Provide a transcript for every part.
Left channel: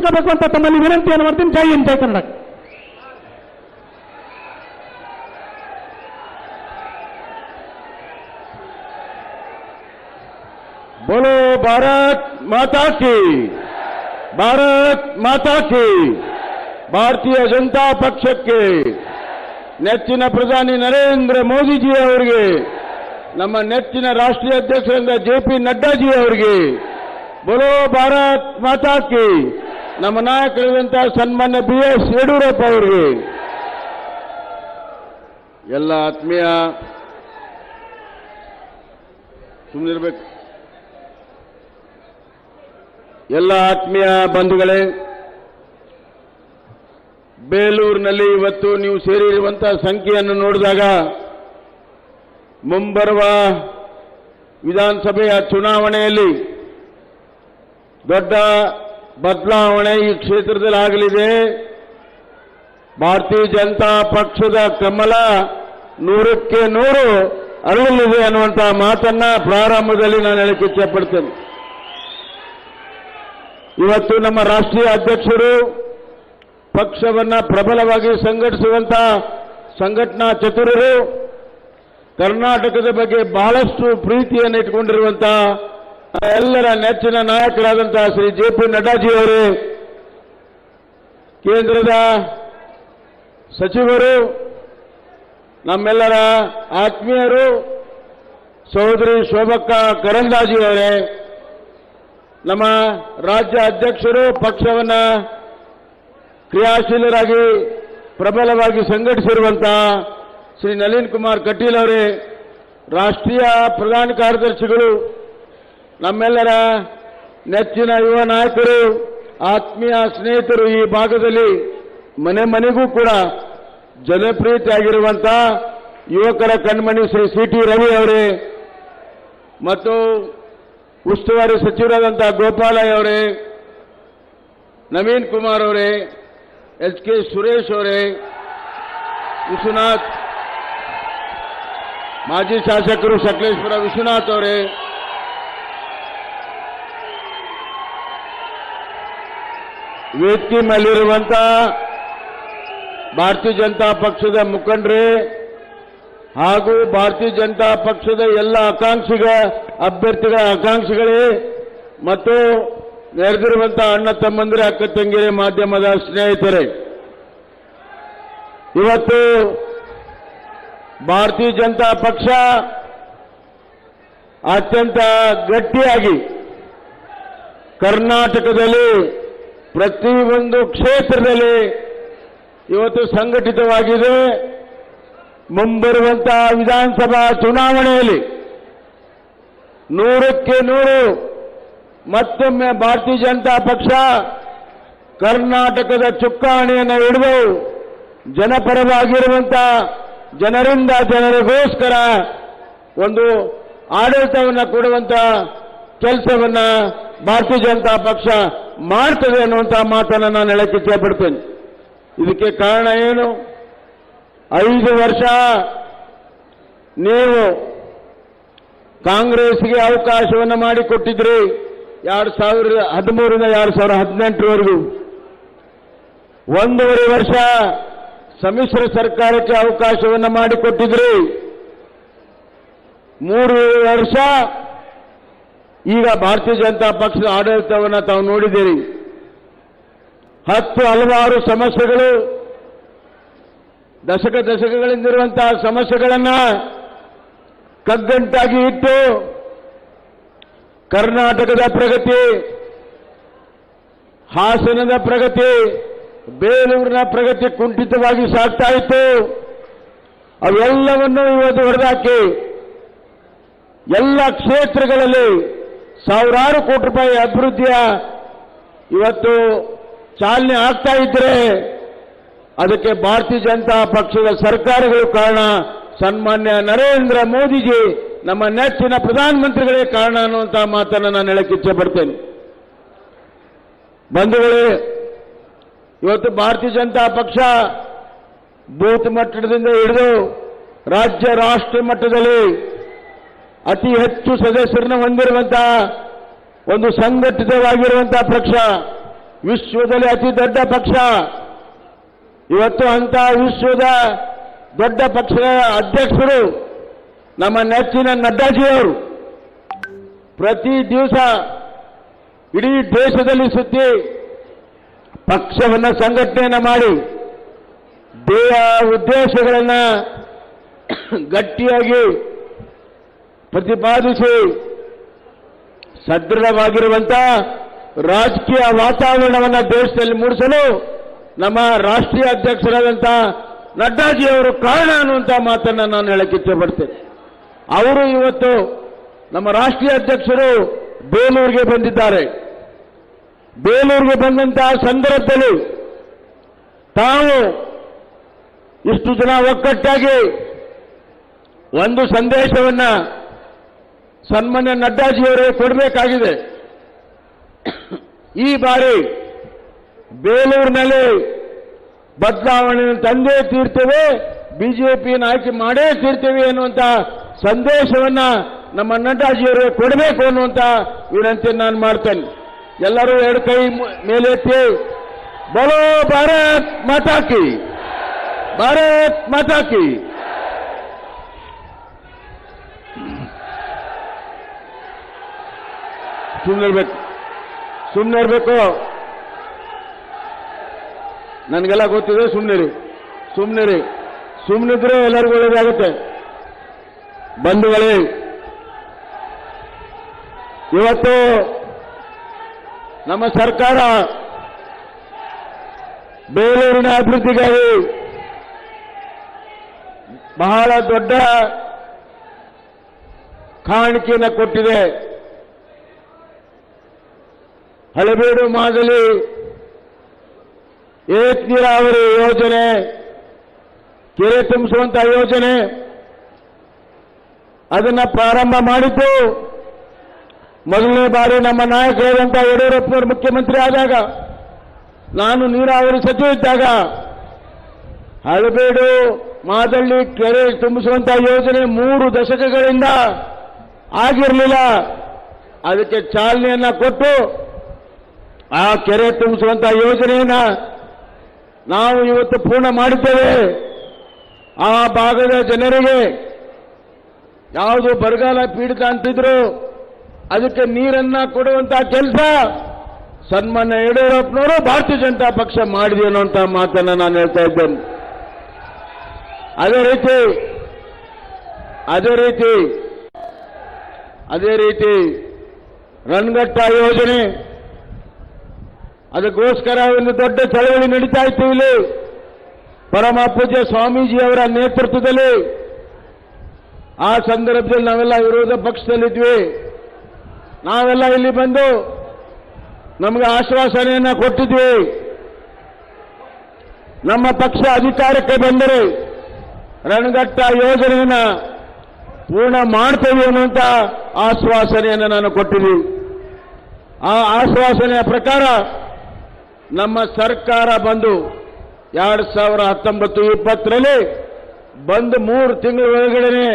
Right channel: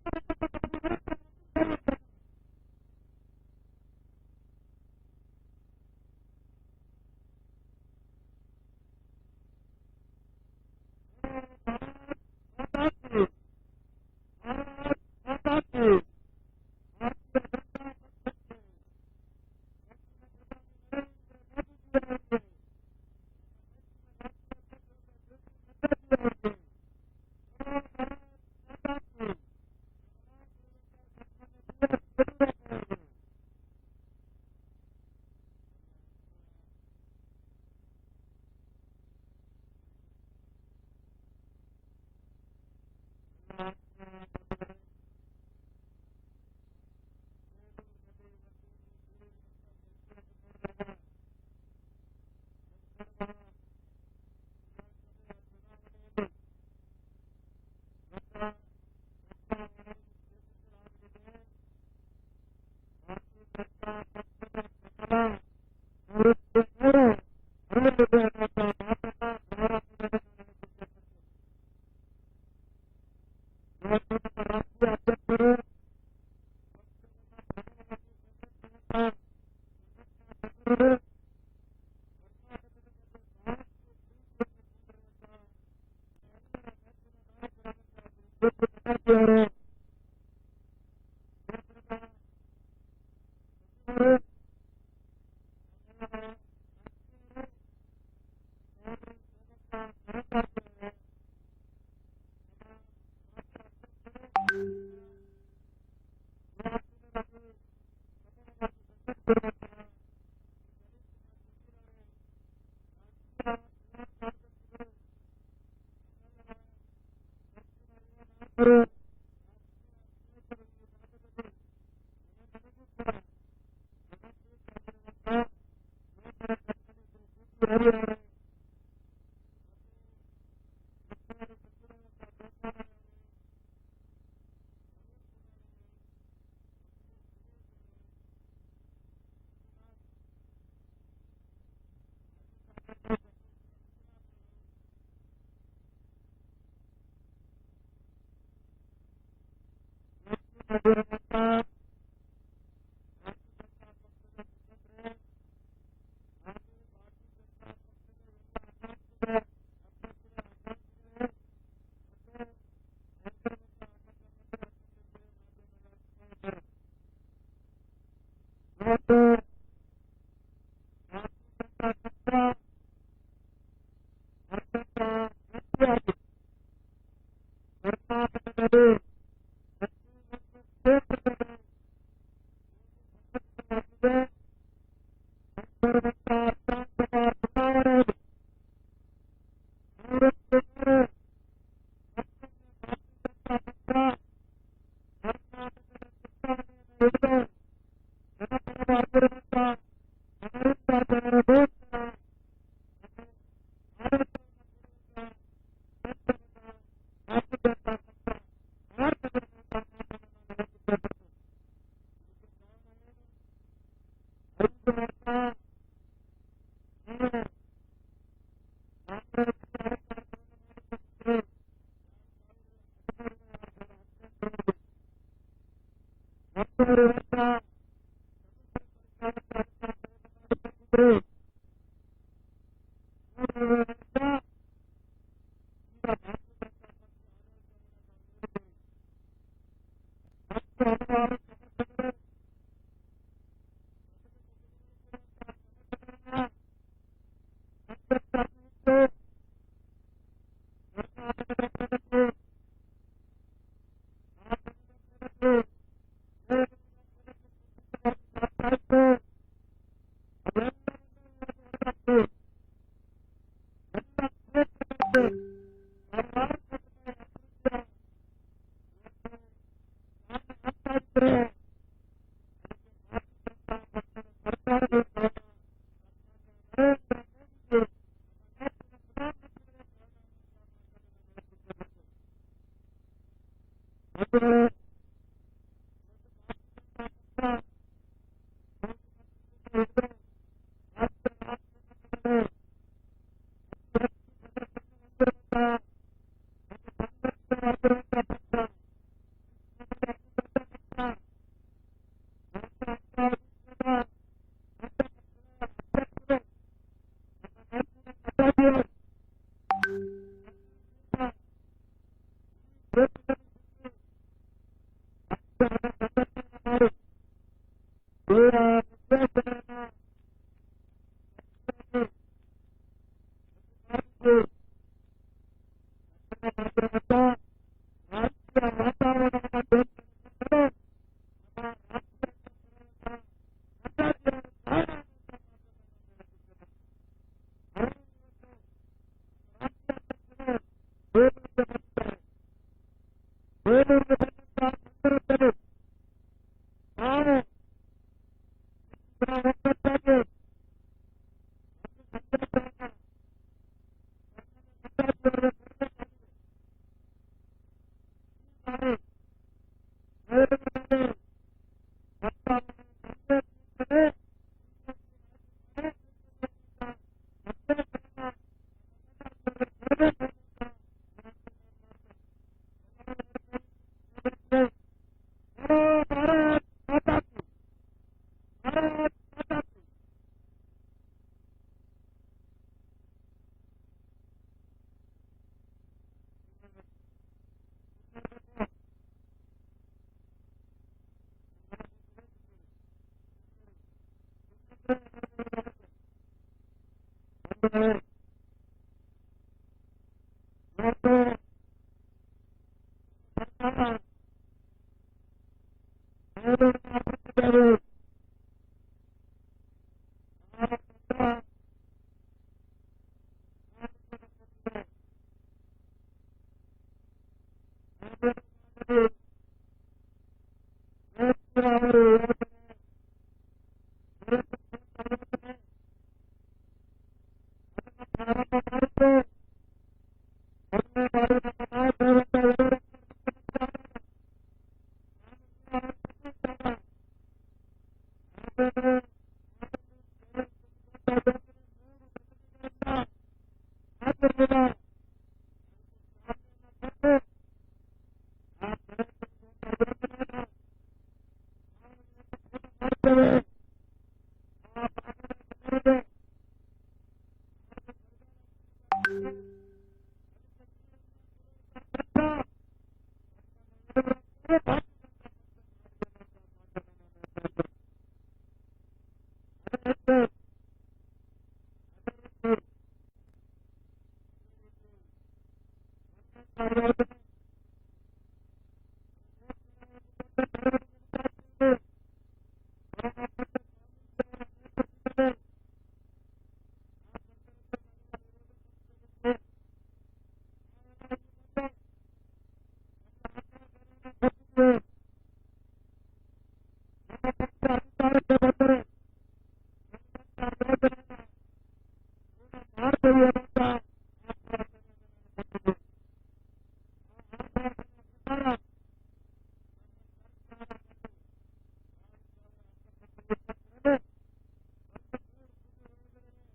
ನೆನಪಿಟ್ಕೋಬೇಕು ಅಂತ ತಮ್ಮಲ್ಲಿ ವಿನಂತಿಯನ್ನು ಮಾಡ್ತೀನಿ. ಜೈ ಹಿಂದ್, ಜೈ ಕನ್ನಡ. बोलो भारत माता की, भारत माता की. ಭಾರತೀಯ ಜನತಾ ಪಕ್ಷಕ್ಕೆ ನೆಚ್ಚಿನ ಪ್ರಧಾನಿ ನರೇಂದ್ರ ಮೋದಿಜಿ ಅವರಿಗೆ, ನಮ್ಮ ನೆಚ್ಚಿನ ರಾಷ್ಟ್ರೀಯ ಅಧ್ಯಕ್ಷರಾದ ಜೆ.ಪಿ. ನಡ್ಡಾಜಿ ಅವರಿಗೆ, ಬೋಲೋ ಭಾರತ್ ಮಾತಾ ಕಿ. ನಮ್ಮ ನಾಯಕರಾದಂತಹ ಸನ್ಮಾನ್ಯ ಬಿ.ಎಸ್. ಯಡಿಯೂರಪ್ಪ ಅವರಿಗೆ, ಎಲ್ಲ ಆತ್ಮೀಯ ಸುಮ್ಮನಿರಬೇಕು, ಎಲ್ಲ ಆತ್ಮೀಯ ಬಂಧುಗಳೇ, ಬೇಲೂರಿನಲ್ಲಿ ಇವತ್ತು ನೀವು ಸೇರಿರುವಂತಹ ಸಂಖ್ಯೆಯನ್ನು ನೋಡಿದಾಗ ಮುಂಬರುವ ವಿಧಾನಸಭೆಯ ಚುನಾವಣೆಯಲ್ಲಿ ದೊಡ್ಡ ಬದಲಾವಣೆ ಈ ಕ್ಷೇತ್ರದಲ್ಲಿ ಆಗಲಿದೆ. ಭಾರತೀಯ ಜನತಾ ಪಕ್ಷದ ಕಮಲ 100ಕ್ಕೆ 100 ಅರಳಲಿದೆ ಅನ್ನುವಂತಹ ಮಾತನ್ನ ಪ್ರಾರಂಭದಲ್ಲಿ ನಾನು ಹೇಳಕ್ಕೆ ಇಚ್ಛೆಪಡ್ತೇನೆ. ಇವತ್ತು ನಮ್ಮ ರಾಷ್ಟ್ರೀಯ ಅಧ್ಯಕ್ಷರು ಪಕ್ಷವನ್ನ ಪ್ರಬಲವಾಗಿ ಸಂಘಟಿಸುವಂತಹ ಸಂಘಟನಾ ಚತುರರು, ಕರ್ನಾಟಕದ ಬಗ್ಗೆ ಬಹಳಷ್ಟು ಪ್ರೀತಿಯನ್ನು ಇಟ್ಟುಕೊಂಡಿರುವಂತಹ ಎಲ್ಲರ ನೆಚ್ಚಿನ ನಾಯಕರಾದಂತಹ ಶ್ರೀ ಜೆ.ಪಿ. ನಡ್ಡಾಜಿ ಅವರು, ಕೇಂದ್ರದ ಸಚಿವರು, ನಮ್ಮೆಲ್ಲರ ಆತ್ಮೀಯರು ಸಹೋದರಿ ಶೋಭಕ್ಕ ಕರಂದ್ಲಾಜೆ ಅವರೇ, ನಮ್ಮ ರಾಜ್ಯ ಅಧ್ಯಕ್ಷರು, ಪಕ್ಷವನ್ನ ಕ್ರಿಯಾಶೀಲರಾಗಿ ಪ್ರಬಲವಾಗಿ ಸಂಘಟಿಸಿರುವಂತಹ ಶ್ರೀ ನಳಿನ್ ಕುಮಾರ್ ಕಟೀಲ್ ಅವರೇ, ರಾಷ್ಟ್ರೀಯ ಪ್ರಧಾನ ಕಾರ್ಯದರ್ಶಿಗಳು, ನಮ್ಮೆಲ್ಲರ ನೆಚ್ಚಿನ ಯುವ ನಾಯಕರು, ಆತ್ಮೀಯ ಸ್ನೇಹಿತರು, ಈ ಭಾಗದಲ್ಲಿ ಮನೆ ಮನೆಗೂ ಕೂಡ ಜನಪ್ರಿಯತೆಯಾಗಿರುವಂತಹ ಯುವಕರ ಕಣ್ಮಣಿ ಶ್ರೀ ಸಿ.ಟಿ. ರವಿ ಅವರೇ, ಮತ್ತು ಉಸ್ತುವಾರಿ ಸಚಿವರಾದಂತಹ ಗೋಪಾಲಯ್ಯ ಅವರೇ, ನವೀನ್ ಕುಮಾರ್ ಅವರೇ, ಎಚ್.ಕೆ. ಸುರೇಶ್ ಅವರೇ, ವಿಶ್ವನಾಥ್, ಮಾಜಿ ಶಾಸಕರು ಸಕಲೇಶ್ಪುರ ವಿಶ್ವನಾಥ್ ಅವರೇ, ವೇದಿಕೆ ಮೇಲಿರುವಂತಹ ಭಾರತೀಯ ಜನತಾ ಪಕ್ಷದ ಮುಖಂಡರೇ ಹಾಗೂ ಭಾರತೀಯ ಜನತಾ ಪಕ್ಷದ ಎಲ್ಲ ಅಭ್ಯರ್ಥಿಗಳ ಆಕಾಂಕ್ಷಿಗಳೇ ಮತ್ತು ನೆರೆದಿರುವಂತಹ ಅಣ್ಣ ತಮ್ಮಂದಿರ, ಅಕ್ಕ ತಂಗಿಯರೇ, ಮಾಧ್ಯಮದ ಸ್ನೇಹಿತರೇ, ಇವತ್ತು ಭಾರತೀಯ ಜನತಾ ಪಕ್ಷ ಅತ್ಯಂತ ಗಟ್ಟಿಯಾಗಿ ಕರ್ನಾಟಕದಲ್ಲಿ ಪ್ರತಿಯೊಂದು ಕ್ಷೇತ್ರದಲ್ಲಿ ಇವತ್ತು ಸಂಘಟಿತವಾಗಿದೆ. ಮುಂಬರುವಂತಹ ವಿಧಾನಸಭಾ ಚುನಾವಣೆಯಲ್ಲಿ 100ಕ್ಕೆ 100 ಮತ್ತೊಮ್ಮೆ ಭಾರತೀಯ ಜನತಾ ಪಕ್ಷ ಕರ್ನಾಟಕದ ಚುಕ್ಕಾಣಿಯನ್ನು ಹಿಡಿದು ಜನಪರವಾಗಿರುವಂತಹ, ಜನರಿಂದ ಜನರಿಗೋಸ್ಕರ ಒಂದು ಆಡಳಿತವನ್ನು ಕೊಡುವಂತಹ ಕೆಲಸವನ್ನ ಭಾರತೀಯ ಜನತಾ ಪಕ್ಷ ಮಾಡ್ತದೆ ಅನ್ನುವಂತಹ ಮಾತನ್ನು ನಾನು ಹೇಳಕ್ಕೆ ಇಚ್ಛೆಪಡ್ತೇನೆ. ಇದಕ್ಕೆ ಕಾರಣ ಏನು? 5 ವರ್ಷ ನೀವು ಕಾಂಗ್ರೆಸ್ಗೆ ಅವಕಾಶವನ್ನು ಮಾಡಿಕೊಟ್ಟಿದ್ರಿ. 2013ರಿಂದ 2018ರವರೆಗೂ 1.5 ವರ್ಷ ಸಮ್ಮಿಶ್ರ ಸರ್ಕಾರಕ್ಕೆ ಅವಕಾಶವನ್ನು ಮಾಡಿಕೊಟ್ಟಿದ್ರಿ. 3 ವರ್ಷ ಈಗ ಭಾರತೀಯ ಜನತಾ ಪಕ್ಷದ ಆಡಳಿತವನ್ನು ತಾವು ನೋಡಿದ್ದೀರಿ. ಹಲವಾರು ಸಮಸ್ಯೆಗಳು, ದಶಕಗಳಿಂದಿರುವಂತಹ ಸಮಸ್ಯೆಗಳನ್ನ ಕಗ್ಗಂಟಾಗಿ ಇಟ್ಟು ಕರ್ನಾಟಕದ ಪ್ರಗತಿ, ಹಾಸನದ ಪ್ರಗತಿ, ಬೇಲೂರಿನ ಪ್ರಗತಿ ಕುಂಠಿತವಾಗಿ ಸಾಗ್ತಾ ಇತ್ತು. ಅವೆಲ್ಲವನ್ನು ಇವತ್ತು ಹೊರದಾಕಿ ಎಲ್ಲ ಕ್ಷೇತ್ರಗಳಲ್ಲಿ ಸಾವಿರಾರು ಕೋಟಿ ರೂಪಾಯಿ ಅಭಿವೃದ್ಧಿಯ ಇವತ್ತು ಚಾಲನೆ ಆಗ್ತಾ ಇದ್ರೆ ಅದಕ್ಕೆ ಭಾರತೀಯ ಜನತಾ ಪಕ್ಷದ ಸರ್ಕಾರಗಳು ಕಾರಣ. ಸನ್ಮಾನ್ಯ ನರೇಂದ್ರ ಮೋದಿಜಿ, ನಮ್ಮ ನೆಚ್ಚಿನ ಪ್ರಧಾನಮಂತ್ರಿಗಳೇ ಕಾರಣ ಅನ್ನುವಂತಹ ಮಾತನ್ನು ನಾನು ಹೇಳಕ್ಕೆ ಇಚ್ಛೆ ಪಡ್ತೇನೆ. ಬಂಧುಗಳೇ, ಇವತ್ತು ಭಾರತೀಯ ಜನತಾ ಪಕ್ಷ ಬೂತ್ ಮಟ್ಟದಿಂದ ಹಿಡಿದು ರಾಜ್ಯ ರಾಷ್ಟ್ರ ಮಟ್ಟದಲ್ಲಿ ಅತಿ ಹೆಚ್ಚು ಸದಸ್ಯರನ್ನು ಹೊಂದಿರುವಂತಹ ಒಂದು ಸಂಘಟಿತವಾಗಿರುವಂತಹ ಪಕ್ಷ. ವಿಶ್ವದಲ್ಲಿ ಅತಿ ದೊಡ್ಡ ಪಕ್ಷ. ಇವತ್ತು ಅಂತ ವಿಶ್ವದ ದೊಡ್ಡ ಪಕ್ಷದ ಅಧ್ಯಕ್ಷರು ನಮ್ಮ ನೆಚ್ಚಿನ ನಡ್ಡಾಜಿಯವರು ಪ್ರತಿ ದಿವಸ ಇಡೀ ದೇಶದಲ್ಲಿ ಸುತ್ತಿ ಪಕ್ಷವನ್ನು ಸಂಘಟನೆಯನ್ನು ಮಾಡಿ ಉದ್ದೇಶಗಳನ್ನು ಗಟ್ಟಿಯಾಗಿ ಪ್ರತಿಪಾದಿಸಿ ಸದೃಢವಾಗಿರುವಂತಹ ರಾಜಕೀಯ ವಾತಾವರಣವನ್ನು ದೇಶದಲ್ಲಿ ಮೂಡಿಸಲು ನಮ್ಮ ರಾಷ್ಟ್ರೀಯ ಅಧ್ಯಕ್ಷರಾದಂಥ ನಡ್ಡಾಜಿಯವರು ಕಾರಣ ಅನ್ನುವಂಥ ಮಾತನ್ನು ನಾನು ಹೇಳಕ್ಕೆ ಇಚ್ಛೆಪಡ್ತೇನೆ. ಅವರು ಇವತ್ತು ನಮ್ಮ ರಾಷ್ಟ್ರೀಯ ಅಧ್ಯಕ್ಷರು ಬೇಲೂರಿಗೆ ಬಂದಿದ್ದಾರೆ. ಬೇಲೂರಿಗೆ ಬಂದಂತಹ ಸಂದರ್ಭದಲ್ಲಿ ತಾವು ಇಷ್ಟು ಜನ ಒಕ್ಕಟ್ಟಾಗಿ ಒಂದು ಸಂದೇಶವನ್ನ ಸನ್ಮಾನ್ಯ ನಡ್ಡಾಜಿಯವರಿಗೆ ಕೊಡಬೇಕಾಗಿದೆ. ಈ ಬಾರಿ ಬೇಲೂರಿನಲ್ಲಿ ಬದಲಾವಣೆಯನ್ನು ತಂದೇ ತೀರ್ತೇವೆ, ಬಿಜೆಪಿಯನ್ನು ಆಯ್ಕೆ ಮಾಡೇ ತೀರ್ತೇವೆ ಎನ್ನುವಂತ ಸಂದೇಶವನ್ನ ನಮ್ಮ ನಡ್ಡಾಜಿಯವರಿಗೆ ಕೊಡಬೇಕು ಅನ್ನುವಂತ ವಿನಂತಿಯನ್ನು ನಾನು ಮಾಡ್ತೇನೆ. ಎಲ್ಲರೂ ಎರಡು ಕೈ ಮೇಲೆತ್ತಿ ಬೋಲೋ ಭಾರತ್ ಮಾತಾ ಕಿ, ಭಾರತ್ ಮಾತಾ ಕಿ. ಸುಮ್ಮನೆ ಇರಬೇಕು. ನನಗೆಲ್ಲ ಗೊತ್ತಿದೆ, ಸುಮ್ಮನಿದ್ರೆ ಎಲ್ಲರಿಗೂ ಒಳ್ಳೆಯದಾಗುತ್ತೆ. ಬಂಧುಗಳೇ, ಇವತ್ತು ನಮ್ಮ ಸರ್ಕಾರ ಬೇಲೂರಿನ ಅಭಿವೃದ್ಧಿಗಾಗಿ ಬಹಳ ದೊಡ್ಡ ಕಾಣಿಕೆಯನ್ನು ಕೊಟ್ಟಿದೆ. ಹಳೆಬೀಡು ಮಾದಲಿ ಏಕ ನೀರಾವರಿ ಯೋಜನೆ, ಕೆರೆ ತುಂಬಿಸುವಂತ ಯೋಜನೆ ಅದನ್ನ ಪ್ರಾರಂಭ ಮಾಡಿದ್ದು ಮೊದಲನೇ ಬಾರಿ ನಮ್ಮ ನಾಯಕರಾದಂಥ ಯಡಿಯೂರಪ್ಪನವರು ಮುಖ್ಯಮಂತ್ರಿ ಆದಾಗ, ನಾನು ನೀರಾವರಿ ಸಚಿವ ಇದ್ದಾಗ ಹಳೆಬೀಡು ಮಾದಳ್ಳಿ ಕೆರೆ ತುಂಬಿಸುವಂತ ಯೋಜನೆ 3 ದಶಕಗಳಿಂದ ಆಗಿರಲಿಲ್ಲ. ಅದಕ್ಕೆ ಚಾಲನೆಯನ್ನ ಕೊಟ್ಟು ಆ ಕೆರೆ ತುಂಬಿಸುವಂತ ಯೋಜನೆಯನ್ನ ನಾವು ಇವತ್ತು ಪೂರ್ಣ ಮಾಡಿದ್ದೇವೆ. ಆ ಭಾಗದ ಜನರಿಗೆ ಯಾವುದು ಬರಗಾಲ ಪೀಡಿತ ಅಂತಿದ್ರು ಅದಕ್ಕೆ ನೀರನ್ನ ಕೊಡುವಂತ ಕೆಲಸ ಸನ್ಮಾನ್ಯ ಯಡಿಯೂರಪ್ಪನವರು ಭಾರತೀಯ ಜನತಾ ಪಕ್ಷ ಮಾಡಿದೆ ಅನ್ನುವಂತ ಮಾತನ್ನ ನಾನು ಹೇಳ್ತಾ ಇದ್ದೇನೆ. ಅದೇ ರೀತಿ ರನ್ಘಟ್ಟ ಯೋಜನೆ, ಅದಕ್ಕೋಸ್ಕರ ಒಂದು ದೊಡ್ಡ ಚಳವಳಿ ನಡೀತಾ ಇತ್ತು ಇಲ್ಲಿ. ಪರಮ ಪೂಜ್ಯ ಸ್ವಾಮೀಜಿಯವರ ನೇತೃತ್ವದಲ್ಲಿ ಆ ಸಂದರ್ಭದಲ್ಲಿ ನಾವೆಲ್ಲ ವಿರೋಧ ಪಕ್ಷದಲ್ಲಿದ್ವಿ. ನಾವೆಲ್ಲ ಇಲ್ಲಿ ಬಂದು ನಮಗೆ ಆಶ್ವಾಸನೆಯನ್ನ ಕೊಟ್ಟಿದ್ವಿ. ನಮ್ಮ ಪಕ್ಷ ಅಧಿಕಾರಕ್ಕೆ ಬಂದರೆ ರಣಘಟ್ಟ ಯೋಜನೆಯನ್ನ ಪೂರ್ಣ ಮಾಡ್ತೇವೆ ಅನ್ನುವಂತ ಆಶ್ವಾಸನೆಯನ್ನು ನಾನು ಕೊಟ್ಟಿದ್ವಿ. ಆ ಆಶ್ವಾಸನೆಯ ಪ್ರಕಾರ ನಮ್ಮ ಸರ್ಕಾರ ಬಂದು 2019-20ರಲ್ಲಿ ಬಂದು 3 ತಿಂಗಳ ಒಳಗಡೆ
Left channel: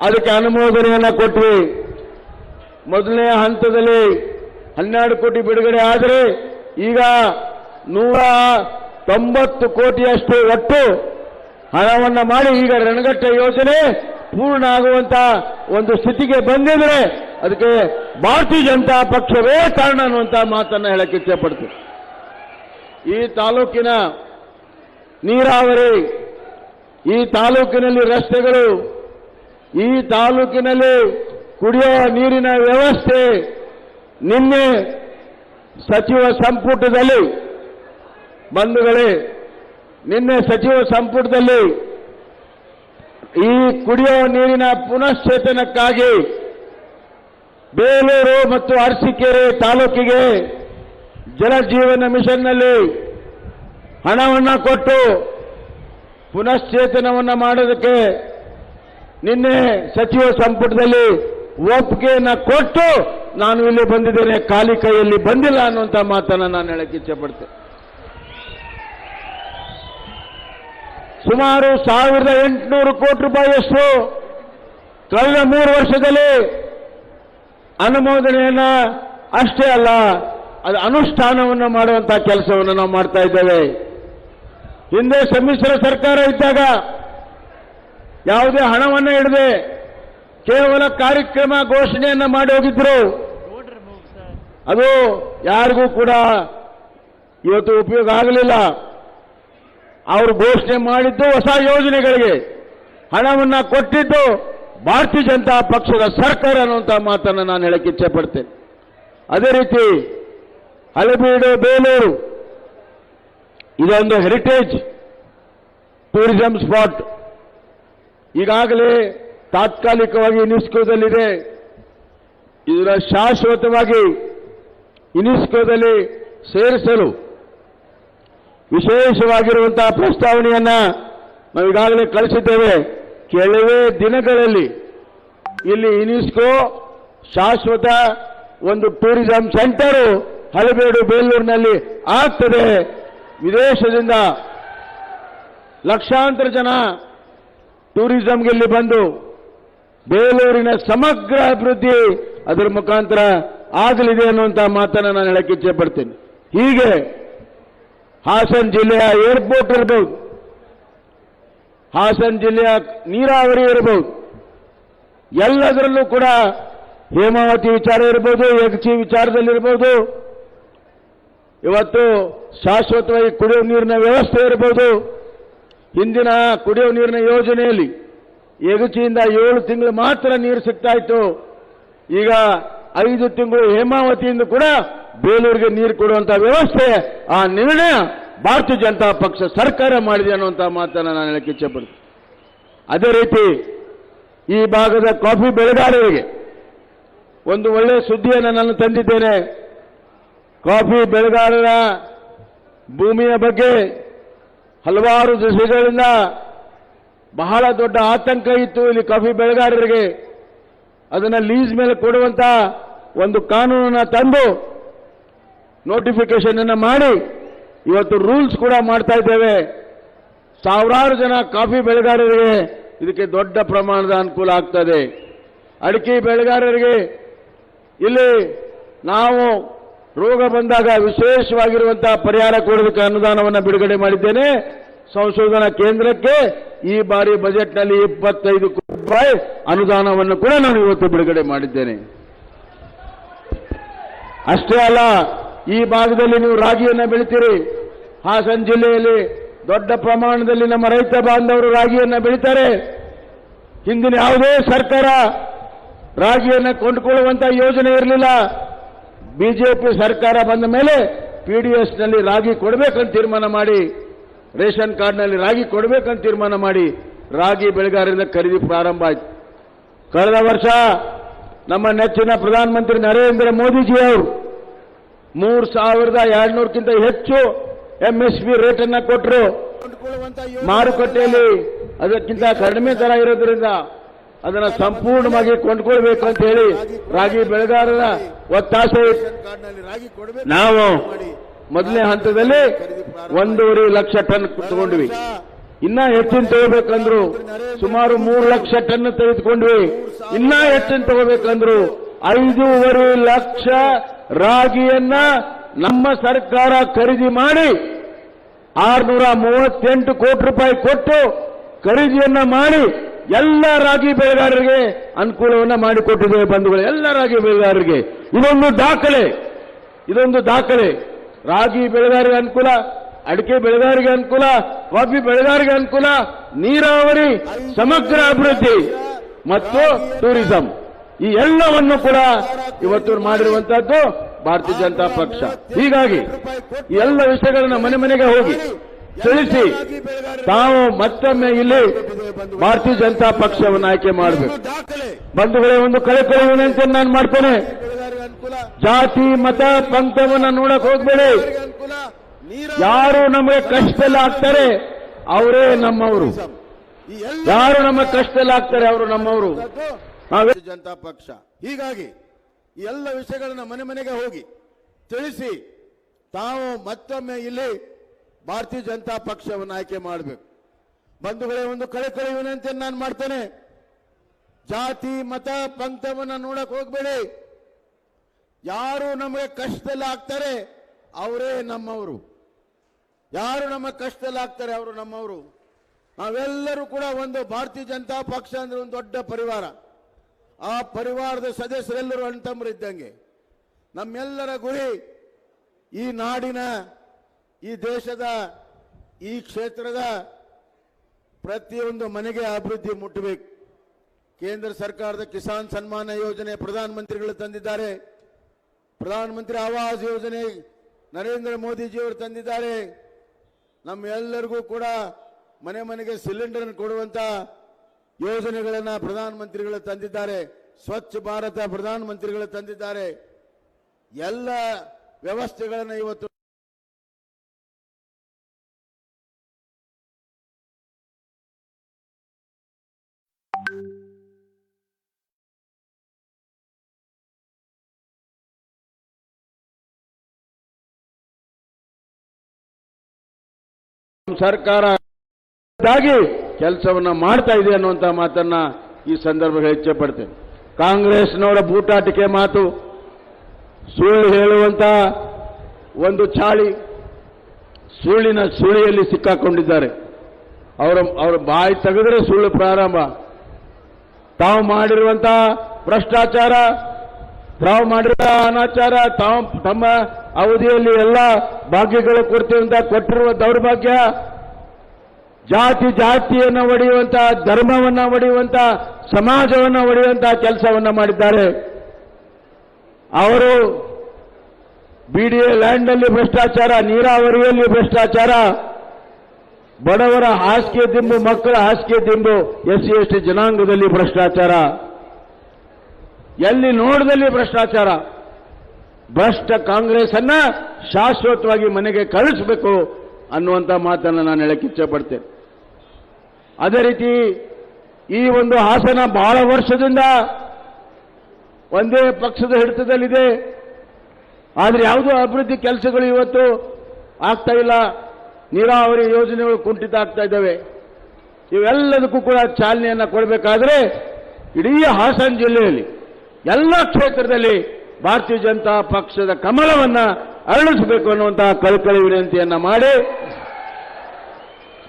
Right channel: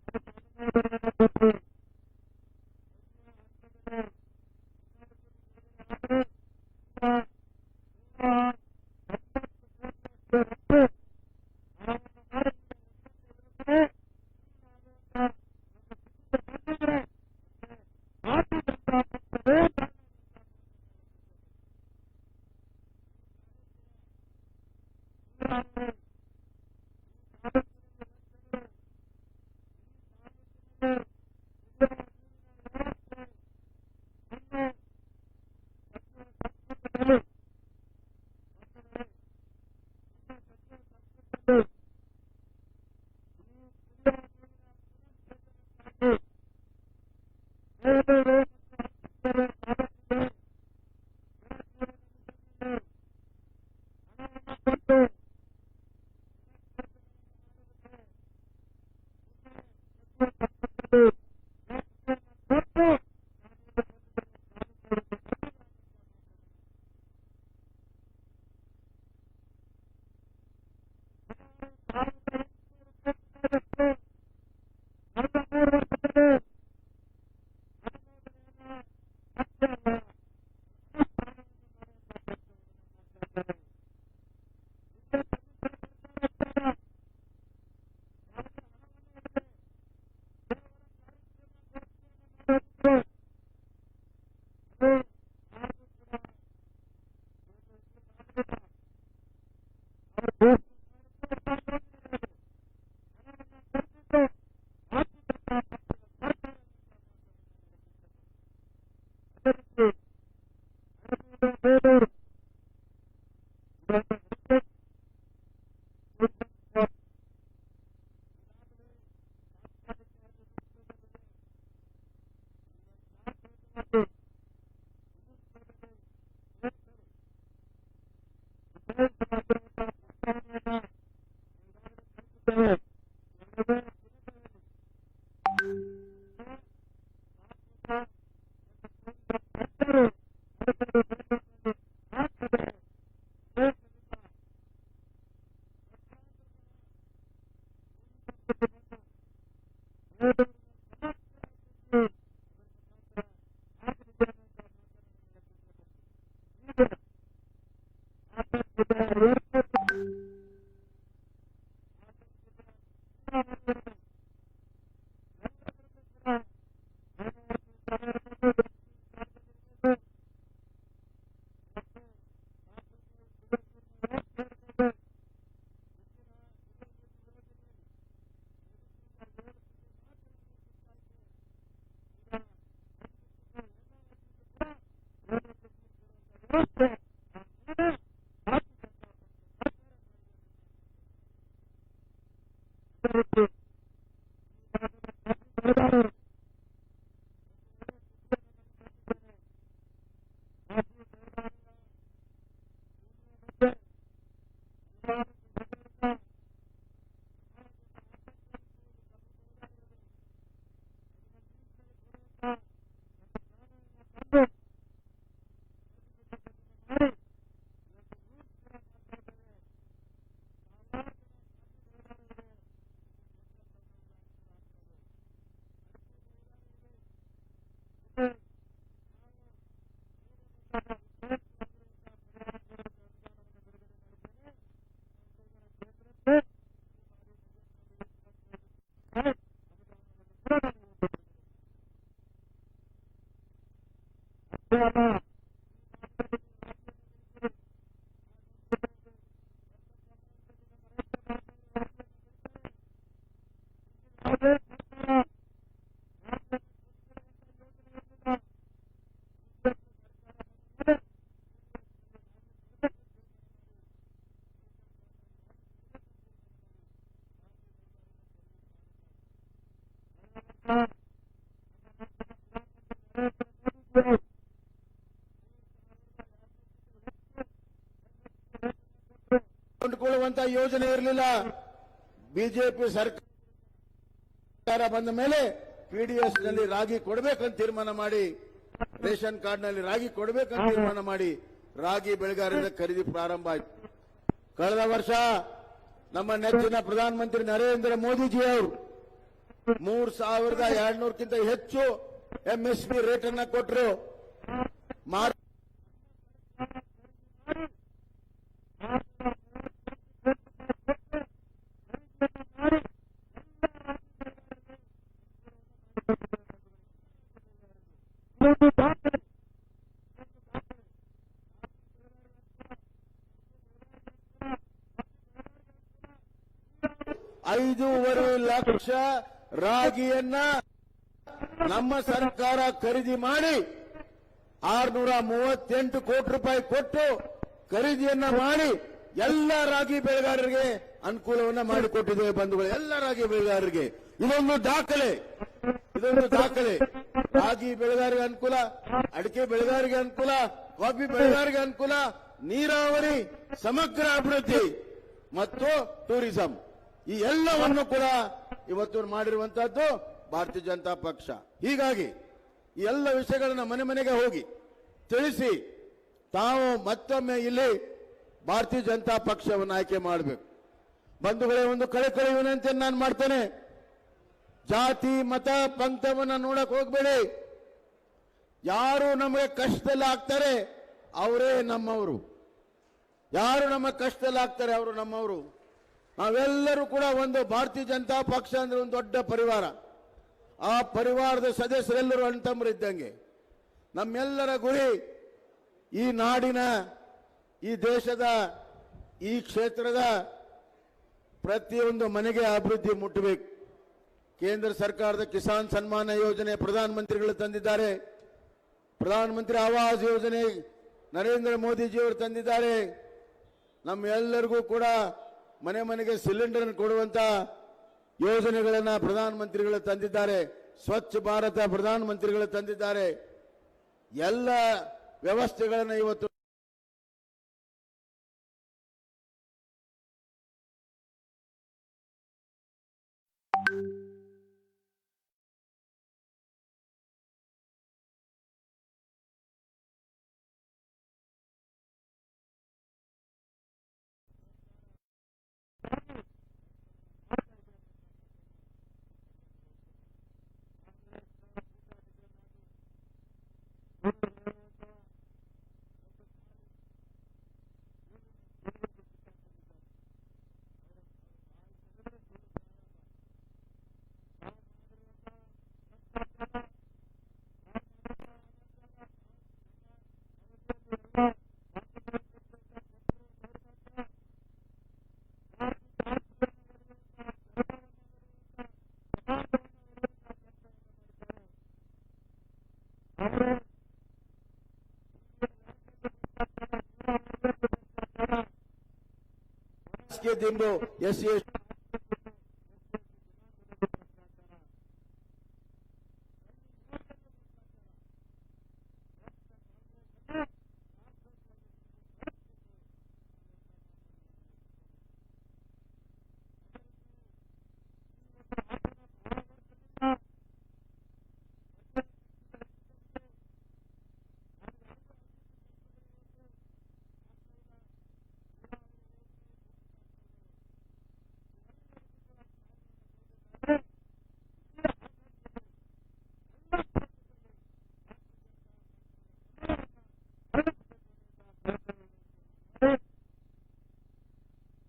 ಅದಕ್ಕೆ ಅನುಮೋದನೆಯನ್ನು ಕೊಟ್ವಿ. ಮೊದಲನೇ ಹಂತದಲ್ಲಿ 12 ಕೋಟಿ ಬಿಡುಗಡೆ ಆದರೆ ಈಗ 190 ಕೋಟಿಯಷ್ಟು ಒಟ್ಟು ಹಣವನ್ನು ಮಾಡಿ ಈಗ ರಣಘಟ್ಟ ಯೋಜನೆ ಪೂರ್ಣ ಆಗುವಂತ ಒಂದು ಸ್ಥಿತಿಗೆ ಬಂದಿದ್ರೆ ಅದಕ್ಕೆ ಭಾರತೀಯ ಜನತಾ ಪಕ್ಷವೇ ಕಾರಣ ಅನ್ನುವಂತ ಮಾತನ್ನ ಹೇಳಕ್ಕೆ ಇಚ್ಛೆಪಡ್ತೀವಿ. ಈ ತಾಲೂಕಿನ ನೀರಾವರಿ, ಈ ತಾಲೂಕಿನಲ್ಲಿ ರಸ್ತೆಗಳು, ಈ ತಾಲೂಕಿನಲ್ಲಿ ಕುಡಿಯುವ ನೀರಿನ ವ್ಯವಸ್ಥೆ ನಿನ್ನೆ ಸಚಿವ ಸಂಪುಟದಲ್ಲಿ ಬಂಧುಗಳೇ, ನಿನ್ನೆ ಸಚಿವ ಸಂಪುಟದಲ್ಲಿ ಈ ಕುಡಿಯುವ ನೀರಿನ ಪುನಶ್ಚೇತನಕ್ಕಾಗಿ ಬೇಲೂರು ಮತ್ತು ಅರಸೀಕೆರೆ ತಾಲೂಕಿಗೆ ಜಲಜೀವನ ಮಿಷನ್ನಲ್ಲಿ ಹಣವನ್ನು ಕೊಟ್ಟು ಪುನಶ್ಚೇತನವನ್ನು ಮಾಡೋದಕ್ಕೆ ನಿನ್ನೆ ಸಚಿವ ಸಂಪುಟದಲ್ಲಿ ಒಪ್ಪಿಗೆಯನ್ನು ಕೊಟ್ಟು ನಾನು ಇಲ್ಲಿ ಬಂದಿದ್ದೇನೆ, ಖಾಲಿ ಕೈಯಲ್ಲಿ ಬಂದಿಲ್ಲ ಅನ್ನುವಂಥ ಮಾತನ್ನು ನಾನು ಹೇಳಕ್ಕೆ ಇಚ್ಛೆಪಡ್ತೇನೆ. ಸುಮಾರು 1800 ಕೋಟಿ ರೂಪಾಯಿಯಷ್ಟು ಕಳೆದ 3 ವರ್ಷದಲ್ಲಿ ಅನುಮೋದನೆಯನ್ನ ಅಷ್ಟೇ ಅಲ್ಲ ಅದು ಅನುಷ್ಠಾನವನ್ನು ಮಾಡುವಂತಹ ಕೆಲಸವನ್ನು ನಾವು ಮಾಡ್ತಾ ಇದ್ದೇವೆ. ಹಿಂದೆ ಸಮ್ಮಿಶ್ರ ಸರ್ಕಾರ ಇದ್ದಾಗ ಯಾವುದೇ ಹಣವನ್ನು ಇಡದೆ ಕೇವಲ ಕಾರ್ಯಕ್ರಮ ಘೋಷಣೆಯನ್ನ ಮಾಡಿ ಹೋಗಿದ್ರು. ಅದು ಯಾರಿಗೂ ಕೂಡ ಇವತ್ತು ಉಪಯೋಗ ಆಗಲಿಲ್ಲ. ಅವರು ಘೋಷಣೆ ಮಾಡಿದ್ದು ಹೊಸ ಯೋಜನೆಗಳಿಗೆ ಹಣವನ್ನ ಕೊಟ್ಟಿದ್ದು ಭಾರತೀಯ ಜನತಾ ಪಕ್ಷದ ಸರ್ಕಾರ ಅನ್ನುವಂಥ ಮಾತನ್ನು ನಾನು ಹೇಳಕ್ಕೆ ಇಚ್ಛೆ ಪಡ್ತೇನೆ. ಅದೇ ರೀತಿ ಹಳೆಬೀಡು ಬೇಲೂರು ಇದೊಂದು ಹೆರಿಟೇಜ್ ಟೂರಿಸಂ ಸ್ಪಾಟ್. ಈಗಾಗಲೇ ತಾತ್ಕಾಲಿಕವಾಗಿ ಯುನೆಸ್ಕೋದಲ್ಲಿದೆ. ಇದರ ಶಾಶ್ವತವಾಗಿ ಯುನೆಸ್ಕೋದಲ್ಲಿ ಸೇರಿಸಲು ವಿಶೇಷವಾಗಿರುವಂತಹ ಪ್ರಸ್ತಾವನೆಯನ್ನ ನಾವು ಈಗಾಗಲೇ ಕಳಿಸಿದ್ದೇವೆ. ಕೆಲವೇ ದಿನಗಳಲ್ಲಿ ಇಲ್ಲಿ ಯುನೆಸ್ಕೋ ಶಾಶ್ವತ ಒಂದು ಟೂರಿಸಂ ಸೆಂಟರ್ ಹಳೆಬೀಡು ಬೇಲೂರಿನಲ್ಲಿ ಆಗ್ತದೆ. ವಿದೇಶದಿಂದ ಲಕ್ಷಾಂತರ ಜನ ಟೂರಿಸಂಗೆ ಇಲ್ಲಿ ಬಂದು ಬೇಲೂರಿನ ಸಮಗ್ರ ಅಭಿವೃದ್ಧಿ ಅದರ ಮುಖಾಂತರ ಆಗಲಿದೆ ಅನ್ನುವಂತಹ ಮಾತನ್ನು ನಾನು ಹೇಳಕ್ಕೆ ಇಚ್ಛೆ ಪಡ್ತೇನೆ. ಹೀಗೆ ಹಾಸನ ಜಿಲ್ಲೆಯ ಏರ್ಪೋರ್ಟ್ ಇರಬಹುದು, ಹಾಸನ ಜಿಲ್ಲೆಯ ನೀರಾವರಿ ಇರಬಹುದು, ಎಲ್ಲದರಲ್ಲೂ ಕೂಡ ಹೇಮಾವತಿ ವಿಚಾರ ಇರಬಹುದು, ಯಗಚಿ ವಿಚಾರದಲ್ಲಿರಬಹುದು, ಇವತ್ತು ಶಾಶ್ವತವಾಗಿ ಕುಡಿಯುವ ನೀರಿನ ವ್ಯವಸ್ಥೆ ಇರಬಹುದು. ಹಿಂದಿನ ಕುಡಿಯುವ ನೀರಿನ ಯೋಜನೆಯಲ್ಲಿ ಯಗಚಿಯಿಂದ 7 ತಿಂಗಳು ಮಾತ್ರ ನೀರು ಸಿಗ್ತಾ ಇತ್ತು. ಈಗ 5 ತಿಂಗಳು ಹೇಮಾವತಿಯಿಂದ ಕೂಡ ಬೇಲೂರಿಗೆ ನೀರು ಕೊಡುವಂತಹ ವ್ಯವಸ್ಥೆ, ಆ ನಿರ್ಣಯ ಭಾರತೀಯ ಜನತಾ ಪಕ್ಷ ಸರ್ಕಾರ ಮಾಡಿದೆ ಅನ್ನುವಂತಹ ಮಾತನ್ನು ನಾನು ಹೇಳಕ್ಕೆ ಇಚ್ಛೆ ಪಡ್ತೀನಿ. ಅದೇ ರೀತಿ ಈ ಭಾಗದ ಕಾಫಿ ಬೆಳೆಗಾರರಿಗೆ ಒಂದು ಒಳ್ಳೆಯ ಸುದ್ದಿಯನ್ನು ನಾನು ತಂದಿದ್ದೇನೆ. ಕಾಫಿ ಬೆಳೆಗಾರರ ಭೂಮಿಯ ಬಗ್ಗೆ ಹಲವಾರು ದಿವಸಗಳಿಂದ ಬಹಳ ದೊಡ್ಡ ಆತಂಕ ಇತ್ತು ಇಲ್ಲಿ ಕಾಫಿ ಬೆಳೆಗಾರರಿಗೆ. ಅದನ್ನು ಲೀಸ್ ಮೇಲೆ ಕೊಡುವಂತ ಒಂದು ಕಾನೂನನ್ನು ತಂದು ನೋಟಿಫಿಕೇಶನ್ ಅನ್ನು ಮಾಡಿ ಇವತ್ತು ರೂಲ್ಸ್ ಕೂಡ ಮಾಡ್ತಾ ಇದ್ದೇವೆ. ಸಾವಿರಾರು ಜನ ಕಾಫಿ ಬೆಳೆಗಾರರಿಗೆ ಇದಕ್ಕೆ ದೊಡ್ಡ ಪ್ರಮಾಣದ ಅನುಕೂಲ ಆಗ್ತದೆ. ಅಡಿಕೆ ಬೆಳೆಗಾರರಿಗೆ ಇಲ್ಲಿ ನಾವು ರೋಗ ಬಂದಾಗ ವಿಶೇಷವಾಗಿರುವಂತಹ ಪರಿಹಾರ ಕೊಡೋದಕ್ಕೆ ಅನುದಾನವನ್ನು ಬಿಡುಗಡೆ ಮಾಡಿದ್ದೇನೆ. ಸಂಶೋಧನಾ ಕೇಂದ್ರಕ್ಕೆ ಈ ಬಾರಿ ಬಜೆಟ್ನಲ್ಲಿ 25 ಕೋಟಿ ರೂಪಾಯಿ ಅನುದಾನವನ್ನು ಕೂಡ ನಾನು ಇವತ್ತು ಬಿಡುಗಡೆ ಮಾಡಿದ್ದೇನೆ. ಅಷ್ಟೇ ಅಲ್ಲ, ಈ ಭಾಗದಲ್ಲಿ ನೀವು ರಾಗಿಯನ್ನು ಬೆಳಿತೀರಿ. ಹಾಸನ ಜಿಲ್ಲೆಯಲ್ಲಿ ದೊಡ್ಡ ಪ್ರಮಾಣದಲ್ಲಿ ನಮ್ಮ ರೈತ ಬಾಂಧವರು ರಾಗಿಯನ್ನು ಬೆಳೀತಾರೆ. ಹಿಂದಿನ ಯಾವುದೇ ಸರ್ಕಾರ ರಾಗಿಯನ್ನು ಕೊಂಡುಕೊಳ್ಳುವಂತಹ ಯೋಜನೆ ಇರಲಿಲ್ಲ. ಬಿಜೆಪಿ ಸರ್ಕಾರ ಬಂದ ಮೇಲೆ ಪಿಡಿಎಸ್ನಲ್ಲಿ ರಾಗಿ ಕೊಡಬೇಕಂತ ತೀರ್ಮಾನ ಮಾಡಿ, ರೇಷನ್ ಕಾರ್ಡ್ನಲ್ಲಿ ರಾಗಿ ಕೊಡಬೇಕಂತ ತೀರ್ಮಾನ ಮಾಡಿ ರಾಗಿ ಬೆಳೆಗಾರರಿಂದ ಖರೀದಿ ಪ್ರಾರಂಭ ಆಯಿತು. ಕಳೆದ ವರ್ಷ ನಮ್ಮ ನೆಚ್ಚಿನ ಪ್ರಧಾನಮಂತ್ರಿ ನರೇಂದ್ರ ಮೋದಿಜಿಯವರು 3,200ಕ್ಕಿಂತ ಹೆಚ್ಚು ಎಂಎಸ್ಪಿ ರೇಟ್ ಅನ್ನು ಕೊಟ್ಟರು. ಮಾರುಕಟ್ಟೆಯಲ್ಲಿ ಅದಕ್ಕಿಂತ ಕಡಿಮೆ ದರ ಇರೋದ್ರಿಂದ ಅದನ್ನು ಸಂಪೂರ್ಣವಾಗಿ ಕೊಂಡ್ಕೊಳ್ಬೇಕು ಅಂತ ಹೇಳಿ ರಾಗಿ ಬೆಳೆಗಾರರ ಒತ್ತಾಸೆ. ನಾವು ಮೊದಲನೇ ಹಂತದಲ್ಲಿ 1.5 ಲಕ್ಷ ಟನ್ ತಗೊಂಡ್ವಿ. ಇನ್ನ ಹೆಚ್ಚಿನ ತಗೋಬೇಕಂದ್ರು ಸುಮಾರು 3 ಲಕ್ಷ ಟನ್ ತೆಗೆದುಕೊಂಡ್ವಿ. ಇನ್ನ ಹೆಚ್ಚಿನ ತಗೋಬೇಕಂದ್ರು 5.5 ಲಕ್ಷ ರಾಗಿಯನ್ನ ನಮ್ಮ ಸರ್ಕಾರ ಖರೀದಿ ಮಾಡಿ 638 ಕೋಟಿ ರೂಪಾಯಿ ಕೊಟ್ಟು ಖರೀದಿಯನ್ನ ಮಾಡಿ ಎಲ್ಲ ರಾಗಿ ಬೆಳೆಗಾರರಿಗೆ ಅನುಕೂಲವನ್ನ ಮಾಡಿಕೊಟ್ಟಿದ್ದೇವೆ ಬಂಧುಗಳು. ಎಲ್ಲ ರಾಗಿ ಬೆಳೆಗಾರರಿಗೆ ಇದೊಂದು ದಾಖಲೆ. ರಾಗಿ ಬೆಳೆಗಾರರಿಗೆ ಅನುಕೂಲ, ಅಡಿಕೆ ಬೆಳೆಗಾರರಿಗೆ ಅನುಕೂಲ, ಕಾಫಿ ಬೆಳೆಗಾರರಿಗೆ ಅನುಕೂಲ, ನೀರಾವರಿ, ಸಮಗ್ರ ಅಭಿವೃದ್ಧಿ ಮತ್ತು ಟೂರಿಸಂ, ಈ ಎಲ್ಲವನ್ನು ಕೂಡ ಇವತ್ತು ಮಾಡಿರುವಂತಹದ್ದು ಭಾರತೀಯ ಜನತಾ ಪಕ್ಷ. ಹೀಗಾಗಿ ಈ ಎಲ್ಲ ವಿಷಯಗಳನ್ನ ಮನೆ ಮನೆಗೆ ಹೋಗಿ ತಿಳಿಸಿ ತಾವು ಮತ್ತೊಮ್ಮೆ ಇಲ್ಲಿ ಭಾರತೀಯ ಜನತಾ ಪಕ್ಷವನ್ನು ಆಯ್ಕೆ ಮಾಡಬೇಕು. ಬಂಧುಗಳೇ, ಒಂದು ಕಳಕಳಿ ವಿನಂತಿಯನ್ನು ನಾನು ಮಾಡ್ತೇನೆ. ಜಾತಿ ಮತ ಪಂಥವನ್ನು ನೋಡಕ್ ಹೋಗ್ಬೇಡಿ. ಯಾರು ನಮಗೆ ಕಷ್ಟದಲ್ಲಿ ಆಗ್ತಾರೆ ಅವರೇ ನಮ್ಮವರು. ಯಾರು ನಮ್ಮ ಕಷ್ಟದಲ್ಲಿ ಆಗ್ತಾರೆ ಅವರು ನಮ್ಮವರು. ನಾವೇ ಸರ್ಕಾರ ಕೆಲಸವನ್ನ ಮಾಡ್ತಾ ಇದೆ ಅನ್ನುವಂತ ಮಾತನ್ನ ಈ ಸಂದರ್ಭದಲ್ಲಿ ಇಚ್ಛೆ ಪಡ್ತೇನೆ. ಕಾಂಗ್ರೆಸ್ನವರ ಬೂಟಾಟಿಕೆ ಮಾತು, ಸುಳ್ಳು ಹೇಳುವಂತ ಒಂದು ಚಾಳಿ, ಸುಳ್ಳಿನ ಸುಳಿಯಲ್ಲಿ ಸಿಕ್ಕಾಕೊಂಡಿದ್ದಾರೆ. ಅವರ ಬಾಯಿ ತೆಗೆದರೆ ಸುಳ್ಳು ಪ್ರಾರಂಭ. ತಾವು ಮಾಡಿರುವಂತ ಭ್ರಷ್ಟಾಚಾರ, ತಾವು ಮಾಡಿರುವ ಅನಾಚಾರ, ತಾವು ತಮ್ಮ ಅವಧಿಯಲ್ಲಿ ಎಲ್ಲ ಭಾಗ್ಯಗಳು ಕೊಡ್ತೀವಿ ಅಂತ ಕೊಟ್ಟಿರುವ ದೌರ್ಭಾಗ್ಯ, ಜಾತಿಯನ್ನು ಒಡೆಯುವಂತ, ಧರ್ಮವನ್ನ ಒಡೆಯುವಂತ, ಸಮಾಜವನ್ನು ಒಡೆಯುವಂತ ಕೆಲಸವನ್ನ ಮಾಡಿದ್ದಾರೆ. ಅವರು ಬಿಡಿಎ ಲ್ಯಾಂಡ್ ಅಲ್ಲಿ ಭ್ರಷ್ಟಾಚಾರ, ನೀರಾವರಿಯಲ್ಲಿ ಭ್ರಷ್ಟಾಚಾರ, ಬಡವರ ಹಾಸಿಗೆ ದಿಂಬು, ಮಕ್ಕಳ ಹಾಸಿಗೆ ದಿಂಬು, ಎಸ್ಸಿ ಎಸ್ಟಿ ಜನಾಂಗದಲ್ಲಿ ಭ್ರಷ್ಟಾಚಾರ, ಎಲ್ಲಿ ನೋಡದಲ್ಲಿ ಭ್ರಷ್ಟಾಚಾರ. ಭ್ರಷ್ಟ ಕಾಂಗ್ರೆಸ್ ಅನ್ನ ಶಾಶ್ವತವಾಗಿ ಮನೆಗೆ ಕಳಿಸಬೇಕು ಅನ್ನುವಂಥ ಮಾತನ್ನು ನಾನು ಹೇಳಕ್ಕೆ ಇಚ್ಛೆ ಪಡ್ತೇನೆ. ಅದೇ ರೀತಿ ಈ ಒಂದು ಹಾಸನ ಬಹಳ ವರ್ಷದಿಂದ ಒಂದೇ ಪಕ್ಷದ ಹಿಡಿತದಲ್ಲಿದೆ. ಆದರೆ ಯಾವುದೋ ಅಭಿವೃದ್ಧಿ ಕೆಲಸಗಳು ಇವತ್ತು ಆಗ್ತಾ ಇಲ್ಲ. ನೀರಾವರಿ ಯೋಜನೆಗಳು ಕುಂಠಿತ ಆಗ್ತಾ ಇದ್ದಾವೆ. ಇವೆಲ್ಲದಕ್ಕೂ ಕೂಡ ಚಾಲನೆಯನ್ನ ಕೊಡಬೇಕಾದ್ರೆ ಇಡೀ ಹಾಸನ ಜಿಲ್ಲೆಯಲ್ಲಿ ಎಲ್ಲ ಕ್ಷೇತ್ರದಲ್ಲಿ ಭಾರತೀಯ ಜನತಾ ಪಕ್ಷದ ಕಮಲವನ್ನ ಅರಳಿಸಬೇಕು ಅನ್ನುವಂತಹ ಕಳಕಳಿ ವಿನಂತಿಯನ್ನ ಮಾಡಿ,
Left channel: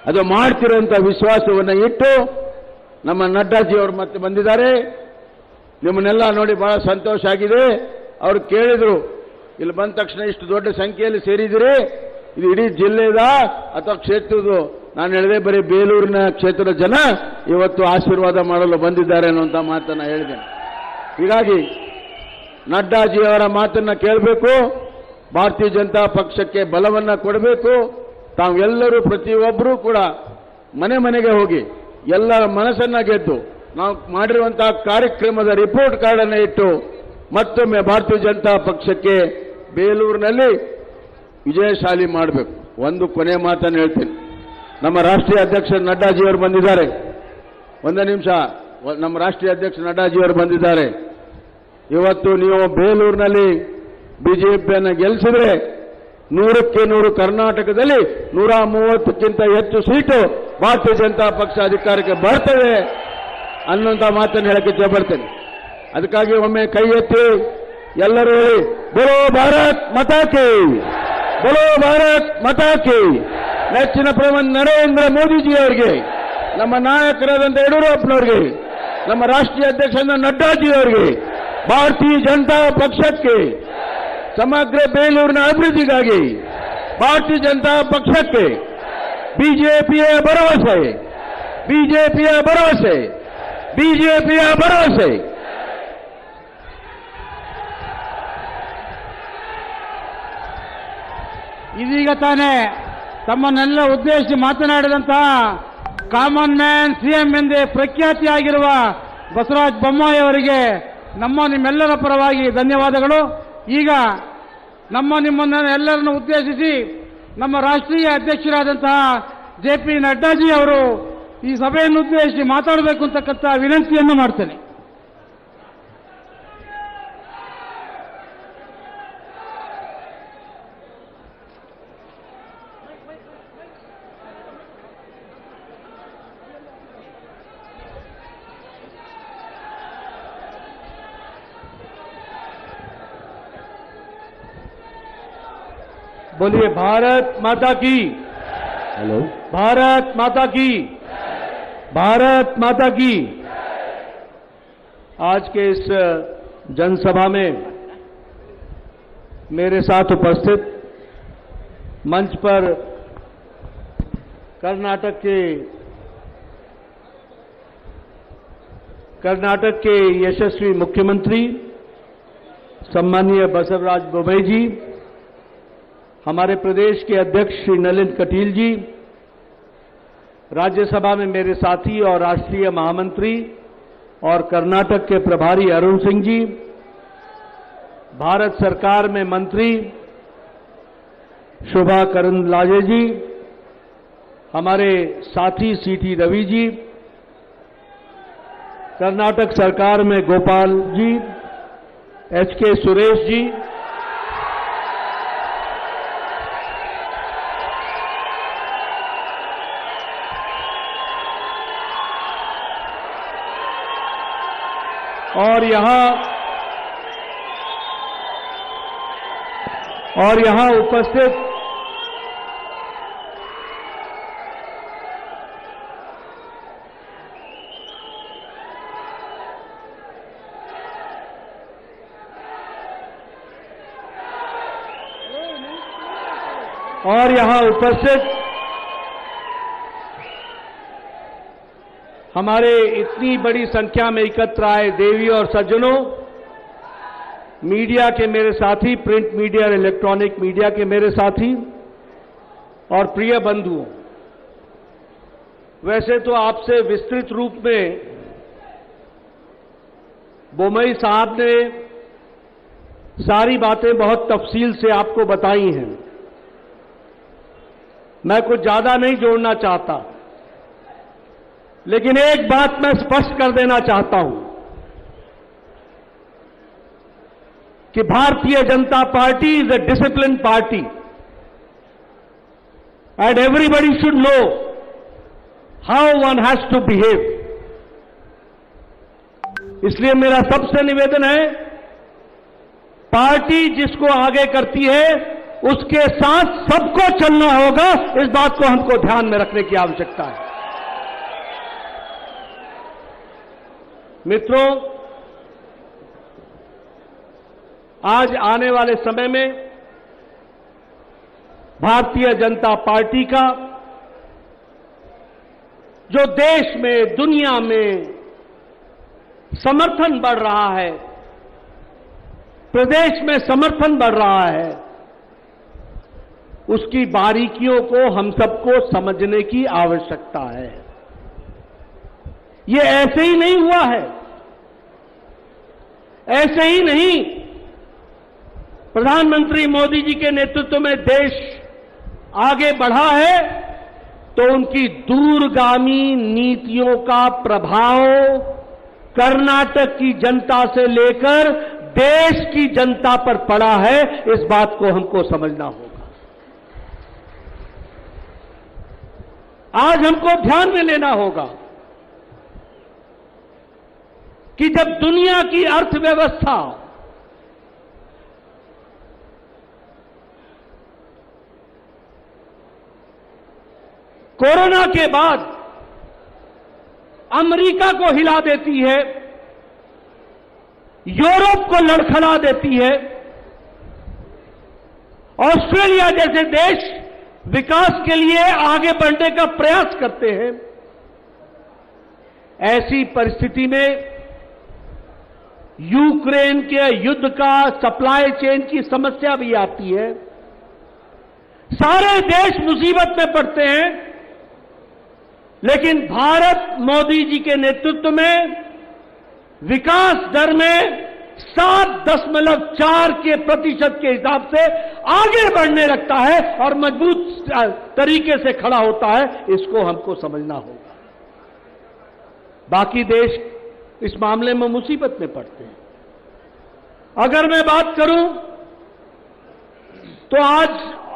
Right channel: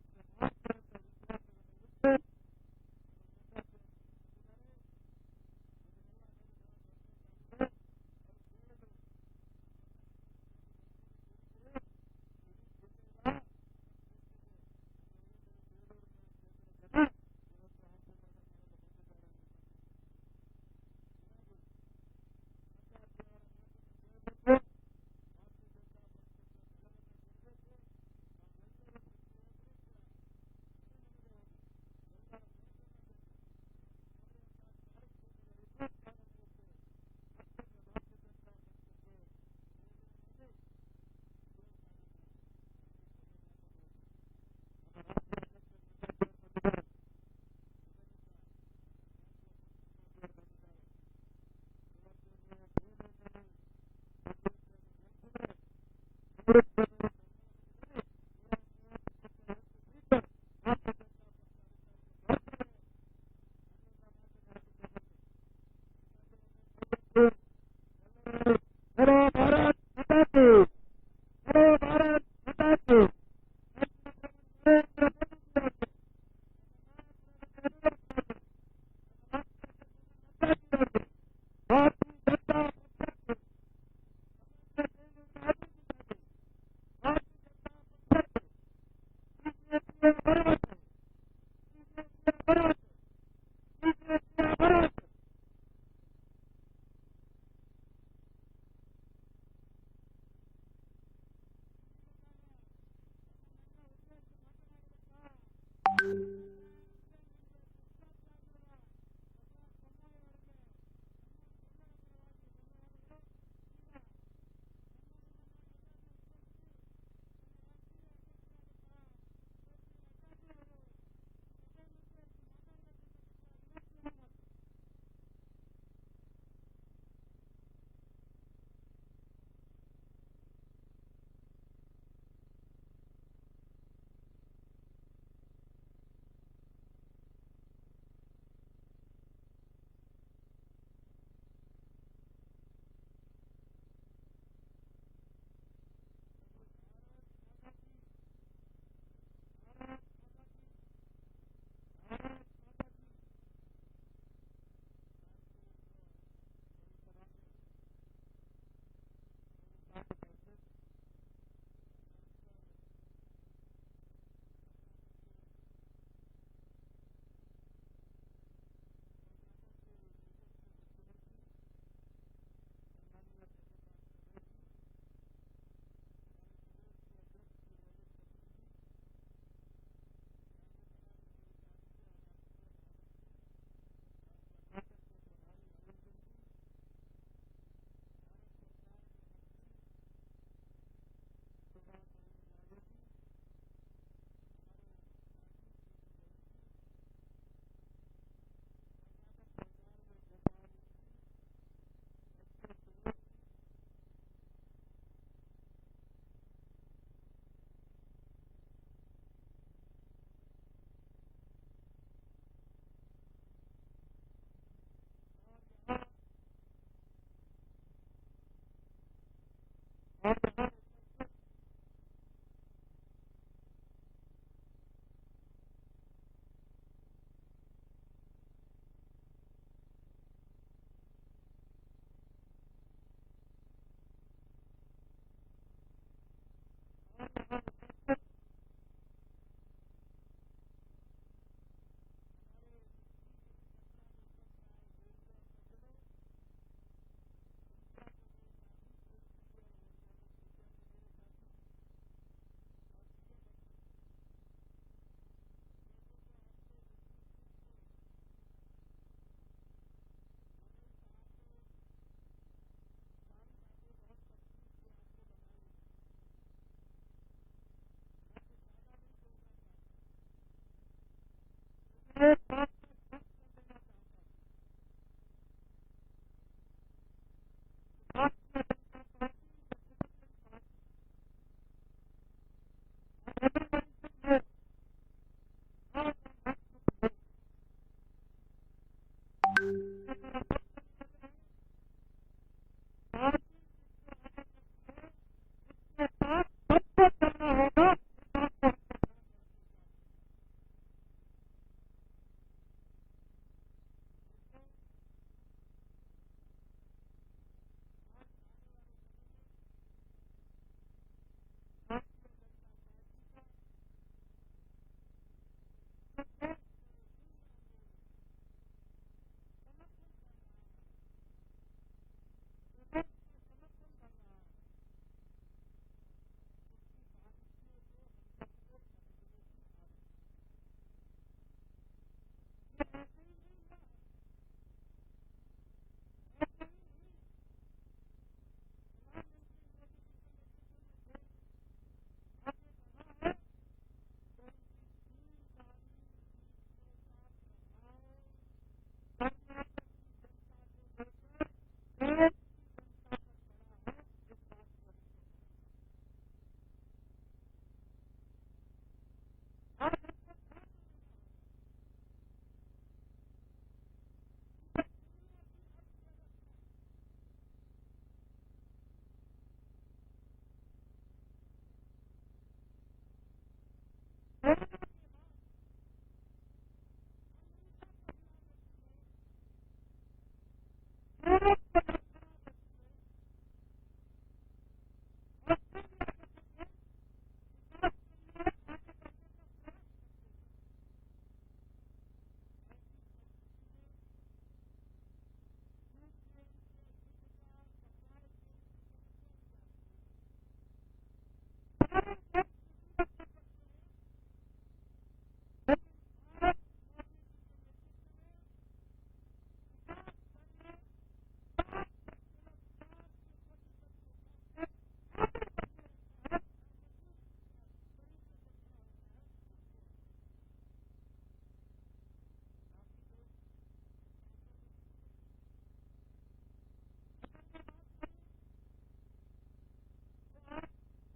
ಅದು ಮಾಡ್ತಿರುವಂತ ವಿಶ್ವಾಸವನ್ನ ಇಟ್ಟು ನಮ್ಮ ನಡ್ಡಾಜಿ ಅವರು ಮತ್ತೆ ಬಂದಿದ್ದಾರೆ. ನಿಮ್ಮನ್ನೆಲ್ಲ ನೋಡಿ ಬಹಳ ಸಂತೋಷ ಆಗಿದೆ. ಅವರು ಕೇಳಿದ್ರು, ಇಲ್ಲಿ ಬಂದ ತಕ್ಷಣ ಇಷ್ಟು ದೊಡ್ಡ ಸಂಖ್ಯೆಯಲ್ಲಿ ಸೇರಿದಿರಿ, ಇದು ಇಡೀ ಜಿಲ್ಲೆದ ಅಥವಾ ಕ್ಷೇತ್ರದ? ನಾನು ಹೇಳಿದೆ ಬರೀ ಬೇಲೂರಿನ ಕ್ಷೇತ್ರದ ಜನ ಇವತ್ತು ಆಶೀರ್ವಾದ ಮಾಡಲು ಬಂದಿದ್ದಾರೆ ಅನ್ನುವಂಥ ಮಾತನ್ನ ಹೇಳಿದೆ. ಹೀಗಾಗಿ ನಡ್ಡಾಜಿಯವರ ಮಾತನ್ನ ಕೇಳಬೇಕು, ಭಾರತೀಯ ಜನತಾ ಪಕ್ಷಕ್ಕೆ ಬಲವನ್ನ ಕೊಡಬೇಕು. ತಾವೆಲ್ಲರೂ ಪ್ರತಿಯೊಬ್ಬರೂ ಕೂಡ ಮನೆ ಮನೆಗೆ ಹೋಗಿ ಎಲ್ಲರ ಮನಸ್ಸನ್ನ ಗೆದ್ದು ನಾವು ಮಾಡಿರುವಂತಹ ಕಾರ್ಯಕ್ರಮದ ರಿಪೋರ್ಟ್ ಕಾರ್ಡ್ ಅನ್ನು ಇಟ್ಟು ಮತ್ತೊಮ್ಮೆ ಭಾರತೀಯ ಜನತಾ ಪಕ್ಷಕ್ಕೆ ಬೇಲೂರಿನಲ್ಲಿ ವಿಜಯಶಾಲಿ ಮಾಡಬೇಕು. ಒಂದು ಕೊನೆ ಮಾತನ್ನು ಹೇಳ್ತೀನಿ. ನಮ್ಮ ರಾಷ್ಟ್ರೀಯ ಅಧ್ಯಕ್ಷ ನಡ್ಡಾಜಿಯವರು ಬಂದಿದ್ದಾರೆ. ಒಂದು ನಿಮಿಷ, ನಮ್ಮ ರಾಷ್ಟ್ರೀಯ ಅಧ್ಯಕ್ಷ ನಡ್ಡಾಜಿಯವರು ಬಂದಿದ್ದಾರೆ. ಇವತ್ತು ನೀವು ಬೇಲೂರಿನಲ್ಲಿ ಬಿಜೆಪಿಯನ್ನು ಗೆಲ್ಲಿಸಿದ್ರೆ 100ಕ್ಕೆ 100 ಕರ್ನಾಟಕದಲ್ಲಿ 130ಕ್ಕಿಂತ ಹೆಚ್ಚು ಸೀಟು ಭಾರತೀಯ ಜನತಾ ಪಕ್ಷ ಅಧಿಕಾರಕ್ಕೆ ಬರ್ತದೆ ಅನ್ನುವಂಥ ಮಾತನ್ನು ಹೇಳಕ್ಕೆ ಇಚ್ಛೆ ಪಡ್ತೇನೆ. ಅದಕ್ಕಾಗಿ ಒಮ್ಮೆ ಕೈ ಎತ್ತಿ ಎಲ್ಲರೂ ಹೇಳಿ, ಬೋಲೋ ಭಾರತ್ ಮಾತಾ ಕಿ, ಬೋಲೋ ಭಾರತ್ ಮಾತಾ ಕಿ. ನೆಚ್ಚಿನ ಪ್ರಧಾನಿ ನರೇಂದ್ರ ಮೋದಿಜಿ ಅವರಿಗೆ, ನಮ್ಮ ನಾಯಕರಾದಂಥ ಯಡಿಯೂರಪ್ಪನವರಿಗೆ, ನಮ್ಮ ರಾಷ್ಟ್ರೀಯ ಅಧ್ಯಕ್ಷರಾದ ನಡ್ಡಾಜಿ ಅವರಿಗೆ, ಭಾರತೀಯ ಜನತಾ ಪಕ್ಷಕ್ಕೆ, ಸಮಗ್ರ ಬೇಲೂರಿನ ಅಭಿವೃದ್ಧಿಗಾಗಿ ಭಾರತೀಯ ಜನತಾ ಪಕ್ಷಕ್ಕೆ ಬಿಜೆಪಿಯ ಭರವಸೆ, ಬಿಜೆಪಿಯ ಭರವಸೆ, ಬಿಜೆಪಿಯ ಭರವಸೆ. ಇದೀಗ ತಾನೇ ತಮ್ಮನ್ನೆಲ್ಲ ಉದ್ದೇಶಿಸಿ ಮಾತನಾಡಿದಂತಹ ಕಾಮನ್ ಮ್ಯಾನ್ ಸಿಎಂ ಎಂದೇ ಪ್ರಖ್ಯಾತಿಯಾಗಿರುವ ಬಸವರಾಜ ಬೊಮ್ಮಾಯಿ ಅವರಿಗೆ ನಿಮ್ಮೆಲ್ಲರ ಪರವಾಗಿ ಧನ್ಯವಾದಗಳು. ಈಗ ನಿಮ್ಮನ್ನ ಎಲ್ಲರನ್ನು ಉದ್ದೇಶಿಸಿ ನಮ್ಮ ರಾಷ್ಟ್ರೀಯ ಅಧ್ಯಕ್ಷರಾದಂತಹ JP ನಡ್ಡಾಜಿ ಅವರು ಈ ಸಭೆಯನ್ನು ಉದ್ದೇಶಿಸಿ ಮಾತಾಡಬೇಕು ಅಂತಕ್ಕಂಥ ವಿನಂತಿಯನ್ನು ಮಾಡ್ತೇನೆ. बोलिए भारत माता की, हेलो। भारत माता की, भारत माता की। आज के इस जनसभा में मेरे साथ उपस्थित मंच पर कर्नाटक के यशस्वी मुख्यमंत्री सम्मानीय बसवराज बोम्मई जी, हमारे प्रदेश के अध्यक्ष श्री नलिन कटील जी, राज्यसभा में मेरे साथी और राष्ट्रीय महामंत्री और कर्नाटक के प्रभारी अरुण सिंह जी, भारत सरकार में मंत्री शोभा करंदलाजे जी, हमारे साथी सीटी रवि जी, कर्नाटक सरकार में गोपाल जी, एचके सुरेश जी, और यहां उपस्थित हमारे इतनी बड़ी संख्या में एकत्र आए देवी और सज्जनों, मीडिया के मेरे साथी, प्रिंट मीडिया और इलेक्ट्रॉनिक मीडिया के मेरे साथी और प्रिय बंधुओं, वैसे तो आपसे विस्तृत रूप में बोम्मई साहब ने सारी बातें बहुत तफसील से आपको बताई हैं। मैं कुछ ज्यादा नहीं जोड़ना चाहता, लेकिन एक बात मैं स्पष्ट कर देना चाहता हूं कि Bharatiya Janata party is a discipline party and everybody should know how one has to behave. इसलिए मेरा सबसे निवेदन है, पार्टी जिसको आगे करती है उसके साथ सबको चलना होगा। इस बात को हमको ध्यान में रखने की आवश्यकता है। मित्रों, आज आने वाले समय में भारतीय जनता पार्टी का जो देश में, दुनिया में समर्थन बढ़ रहा है, प्रदेश में समर्थन बढ़ रहा है, उसकी बारीकियों को हम सबको समझने की आवश्यकता है। ये ऐसे ही नहीं हुआ है, ऐसे ही नहीं। प्रधानमंत्री मोदी जी के नेतृत्व में देश आगे बढ़ा है तो उनकी दूरगामी नीतियों का प्रभाव कर्नाटक की जनता से लेकर देश की जनता पर पड़ा है। इस बात को हमको समझना होगा। आज हमको ध्यान में लेना होगा कि जब दुनिया की अर्थव्यवस्था कोरोना के बाद अमेरिका को हिला देती है, यूरोप को लड़खड़ा देती है, ऑस्ट्रेलिया जैसे देश विकास के लिए आगे बढ़ने का प्रयास करते हैं, ऐसी परिस्थिति में यूक्रेन के युद्ध का सप्लाई चेन की समस्या भी आती है। सारे देश मुसीबत में पड़ते हैं, लेकिन भारत मोदी जी के नेतृत्व में विकास दर में 7.4% के हिसाब से आगे बढ़ने लगता है और मजबूत तरीके से खड़ा होता है। इसको हमको समझना होगा। बाकी देश इस मामले में मुसीबत में पड़ते हैं। अगर मैं बात करूं तो आज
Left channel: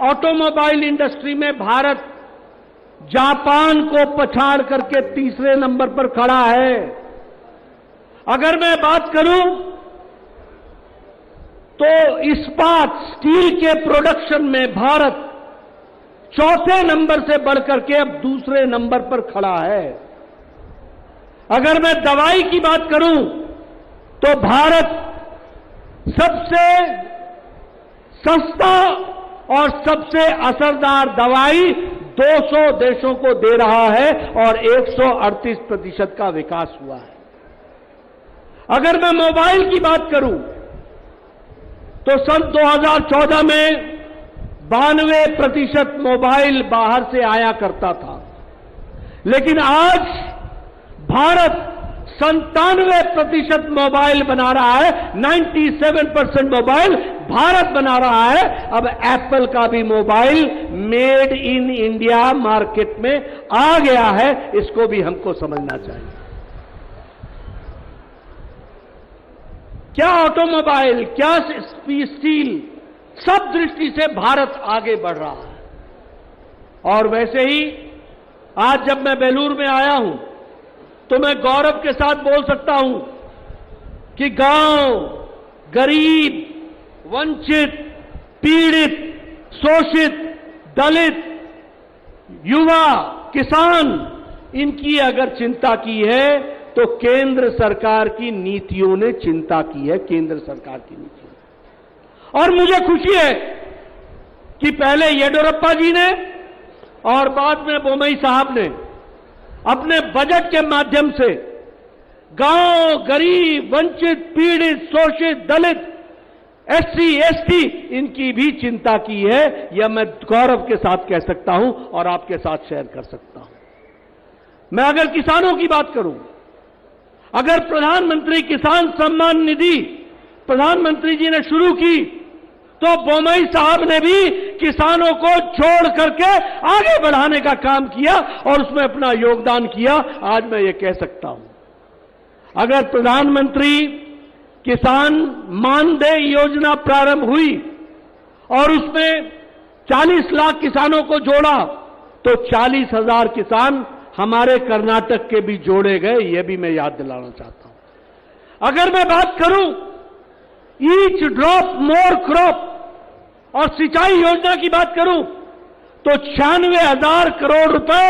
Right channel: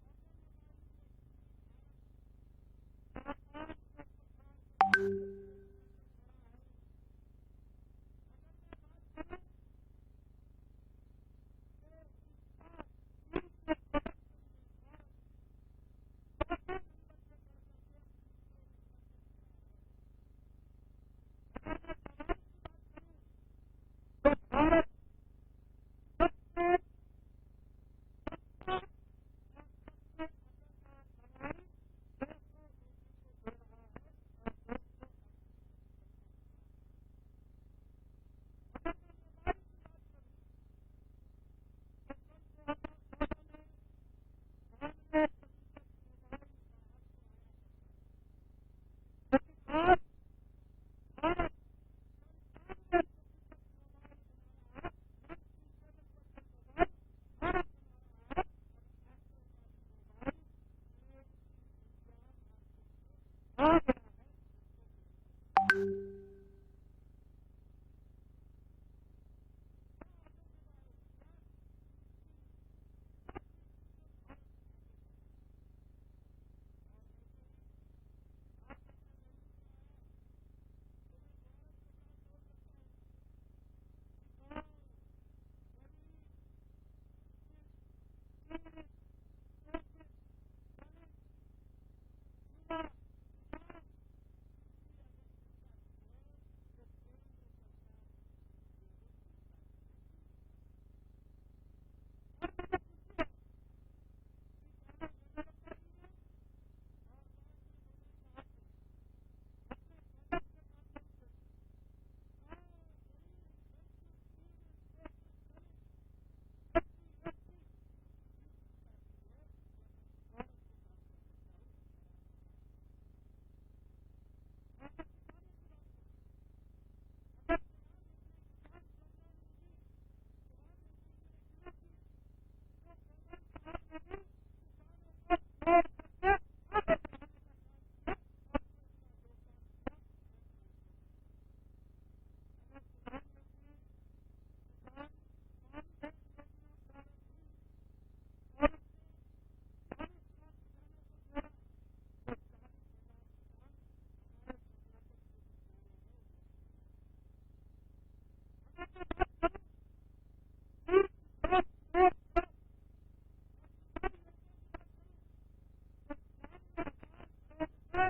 ऑटोमोबाइल इंडस्ट्री में भारत जापान को पछाड़ करके तीसरे नंबर पर खड़ा है। अगर मैं बात करूं तो इस्पात, स्टील के प्रोडक्शन में भारत चौथे नंबर से बढ़कर के अब दूसरे नंबर पर खड़ा है। अगर मैं दवाई की बात करूं तो भारत सबसे सस्ता और सबसे असरदार दवाई 200 देशों को दे रहा है और 138% का विकास हुआ है। अगर मैं मोबाइल की बात करूं तो सन 2014 में 92% मोबाइल बाहर से आया करता था, लेकिन आज भारत 97% मोबाइल बना रहा है। 97% मोबाइल भारत बना रहा है। अब एप्पल का भी mobile made in India market में आ गया है, इसको भी हमको समझना चाहिए। क्या ऑटोमोबाइल, क्या स्टील, सब दृष्टि से भारत आगे बढ़ रहा है। और वैसे ही आज जब मैं बेलूर में आया हूं तो मैं गौरव के साथ बोल सकता हूं कि गांव, गरीब, वंचित, पीड़ित, शोषित, दलित, युवा, किसान, इनकी अगर चिंता की है तो केंद्र सरकार की नीतियों ने चिंता की है, केंद्र सरकार की नीतियों। और मुझे खुशी है कि पहले येडियुरप्पा जी ने और बाद में बोम्मई साहब ने अपने बजट के माध्यम से गांव, गरीब, वंचित, पीड़ित, शोषित, दलित, एससी, एसटी, इनकी भी चिंता की है। यह मैं गौरव के साथ कह सकता हूं और आपके साथ शेयर कर सकता हूं। मैं अगर किसानों की बात करूं, अगर प्रधानमंत्री किसान सम्मान निधि प्रधानमंत्री जी ने शुरू की तो बोम्मई साहब ने भी किसानों को छोड़ करके आगे बढ़ाने का काम किया और उसमें अपना योगदान किया। आज मैं ये कह सकता हूं, अगर प्रधानमंत्री किसान मानदेय योजना प्रारंभ हुई और उसमें 40 लाख किसानों को जोड़ा तो 40,000 किसान हमारे कर्नाटक के भी जोड़े गए, यह भी मैं याद दिलाना चाहता हूं। अगर मैं बात करूं ईच ड्रॉप मोर क्रॉप और सिंचाई योजना की बात करूं तो 96,000 करोड़ रुपए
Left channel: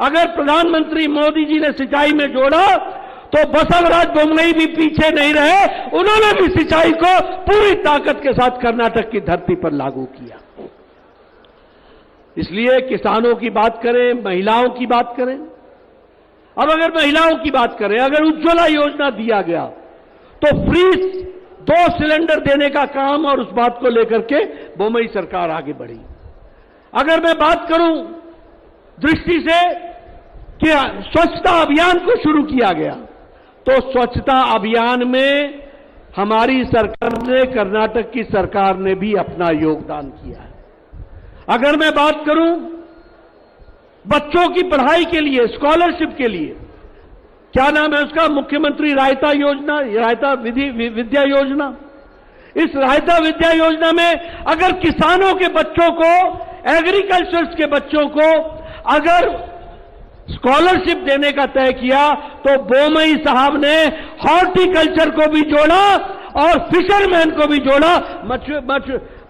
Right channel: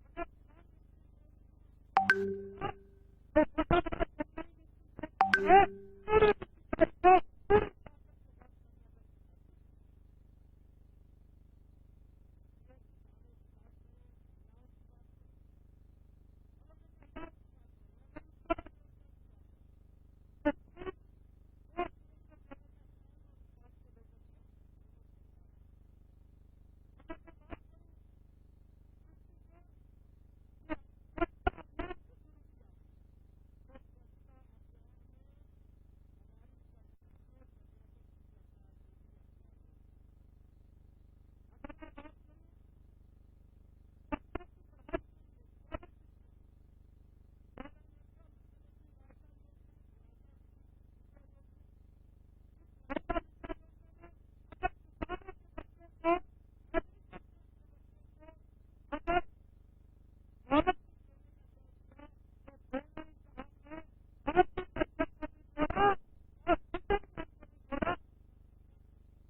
अगर प्रधानमंत्री मोदी जी ने सिंचाई में जोड़ा तो बसवराज बोम्मई भी पीछे नहीं रहे, उन्होंने भी सिंचाई को पूरी ताकत के साथ कर्नाटक की धरती पर लागू किया। इसलिए किसानों की बात करें, महिलाओं की बात करें। अब अगर महिलाओं की बात करें, अगर उज्ज्वला योजना दिया गया तो फ्री 2 सिलेंडर देने का काम और उस बात को लेकर के बोम्मई सरकार आगे बढ़ी। अगर मैं बात करूं दृष्टि से कि स्वच्छता अभियान को शुरू किया गया तो स्वच्छता अभियान में हमारी सरकार ने, कर्नाटक की सरकार ने भी अपना योगदान किया है। अगर मैं बात करूं बच्चों की पढ़ाई के लिए, स्कॉलरशिप के लिए, क्या नाम है उसका, मुख्यमंत्री रायता योजना, रायता विद्या योजना। इस रायता विद्या योजना में अगर किसानों के बच्चों को, एग्रीकल्चर के बच्चों को अगर स्कॉलरशिप देने का तय किया तो बोम्मई साहब ने हॉर्टिकल्चर को भी जोड़ा और फिशरमैन को भी जोड़ा,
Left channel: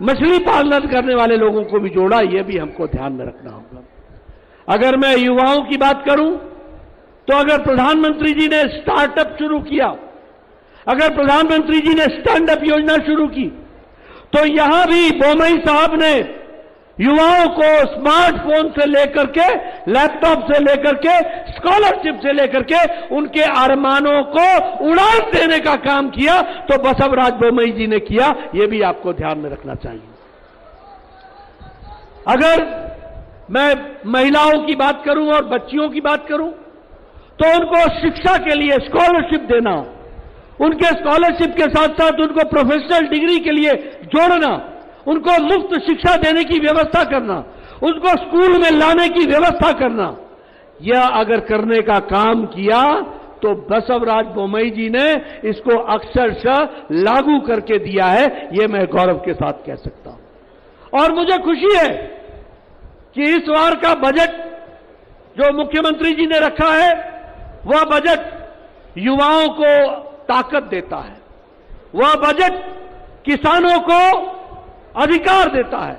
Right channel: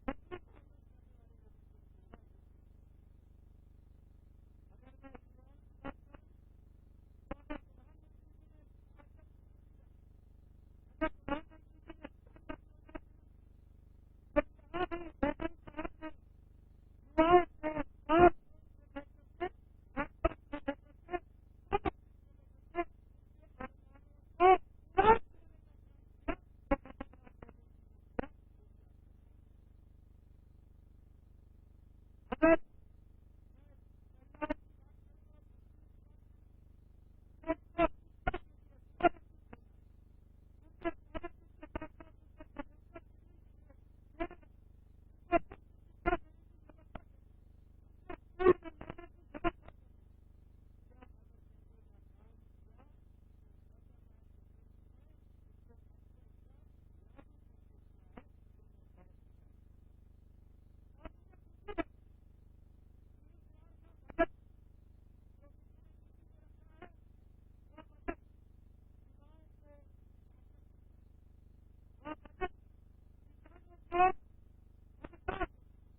मछली पालन करने वाले लोगों को भी जोड़ा। यह भी हमको ध्यान में रखना होगा। अगर मैं युवाओं की बात करूं तो अगर प्रधानमंत्री जी ने स्टार्टअप शुरू किया, अगर प्रधानमंत्री जी ने स्टैंड अप योजना शुरू की तो यहां भी बोम्मई साहब ने युवाओं को स्मार्टफोन से लेकर के, लैपटॉप से लेकर के, स्कॉलरशिप से लेकर के उनके अरमानों को उड़ान देने का काम किया तो बसवराज बोम्मई जी ने किया। यह भी आपको ध्यान में रखना चाहिए। अगर मैं महिलाओं की बात करूं और बच्चियों की बात करूं तो उनको शिक्षा के लिए स्कॉलरशिप देना, उनके स्कॉलरशिप के साथ साथ उनको प्रोफेशनल डिग्री के लिए जोड़ना, उनको मुफ्त शिक्षा देने की व्यवस्था करना, उनको स्कूल में लाने की व्यवस्था करना, यह अगर करने का काम किया तो बसवराज बोम्मई जी ने इसको अक्षरशः लागू करके दिया है। यह मैं गौरव के साथ कह सकता हूं। और मुझे खुशी है कि इस बार का बजट जो मुख्यमंत्री जी ने रखा है वह बजट युवाओं को ताकत देता है, वह बजट किसानों को अधिकार देता है,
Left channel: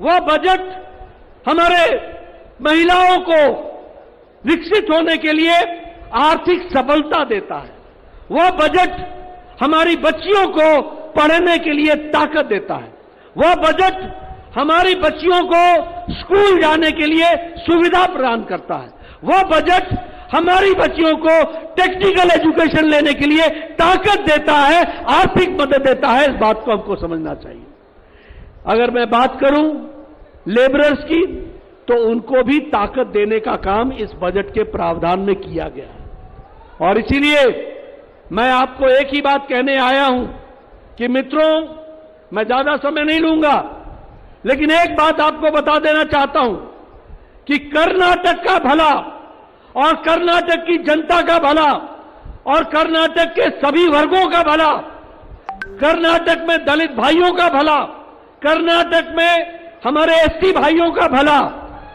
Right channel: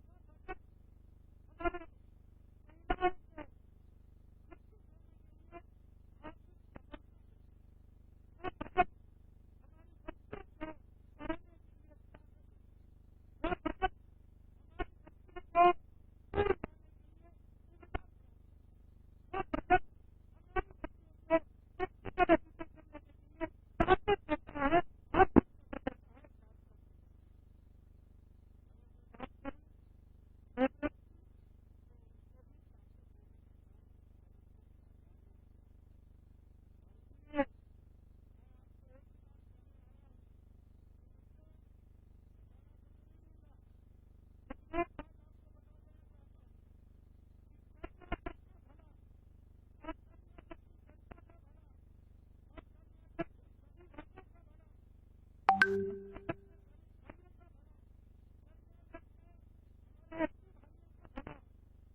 वह बजट हमारे महिलाओं को विकसित होने के लिए आर्थिक सबलता देता है। वह बजट हमारी बच्चियों को पढ़ने के लिए ताकत देता है। वह बजट हमारी बच्चियों को स्कूल जाने के लिए सुविधा प्रदान करता है। वह बजट हमारी बच्चियों को टेक्निकल एजुकेशन लेने के लिए ताकत देता है, आर्थिक मदद देता है। इस बात को हमको समझना चाहिए। अगर मैं बात करूं लेबरर्स की, तो उनको भी ताकत देने का काम इस बजट के प्रावधान में किया गया है। और इसीलिए मैं आपको एक ही बात कहने आया हूं कि मित्रों, मैं ज्यादा समय नहीं लूंगा, लेकिन एक बात आपको बता देना चाहता हूं कि कर्नाटक का भला और कर्नाटक की जनता का भला और कर्नाटक के सभी वर्गों का भला, कर्नाटक में दलित भाइयों का भला, कर्नाटक में हमारे एसटी भाइयों का भला,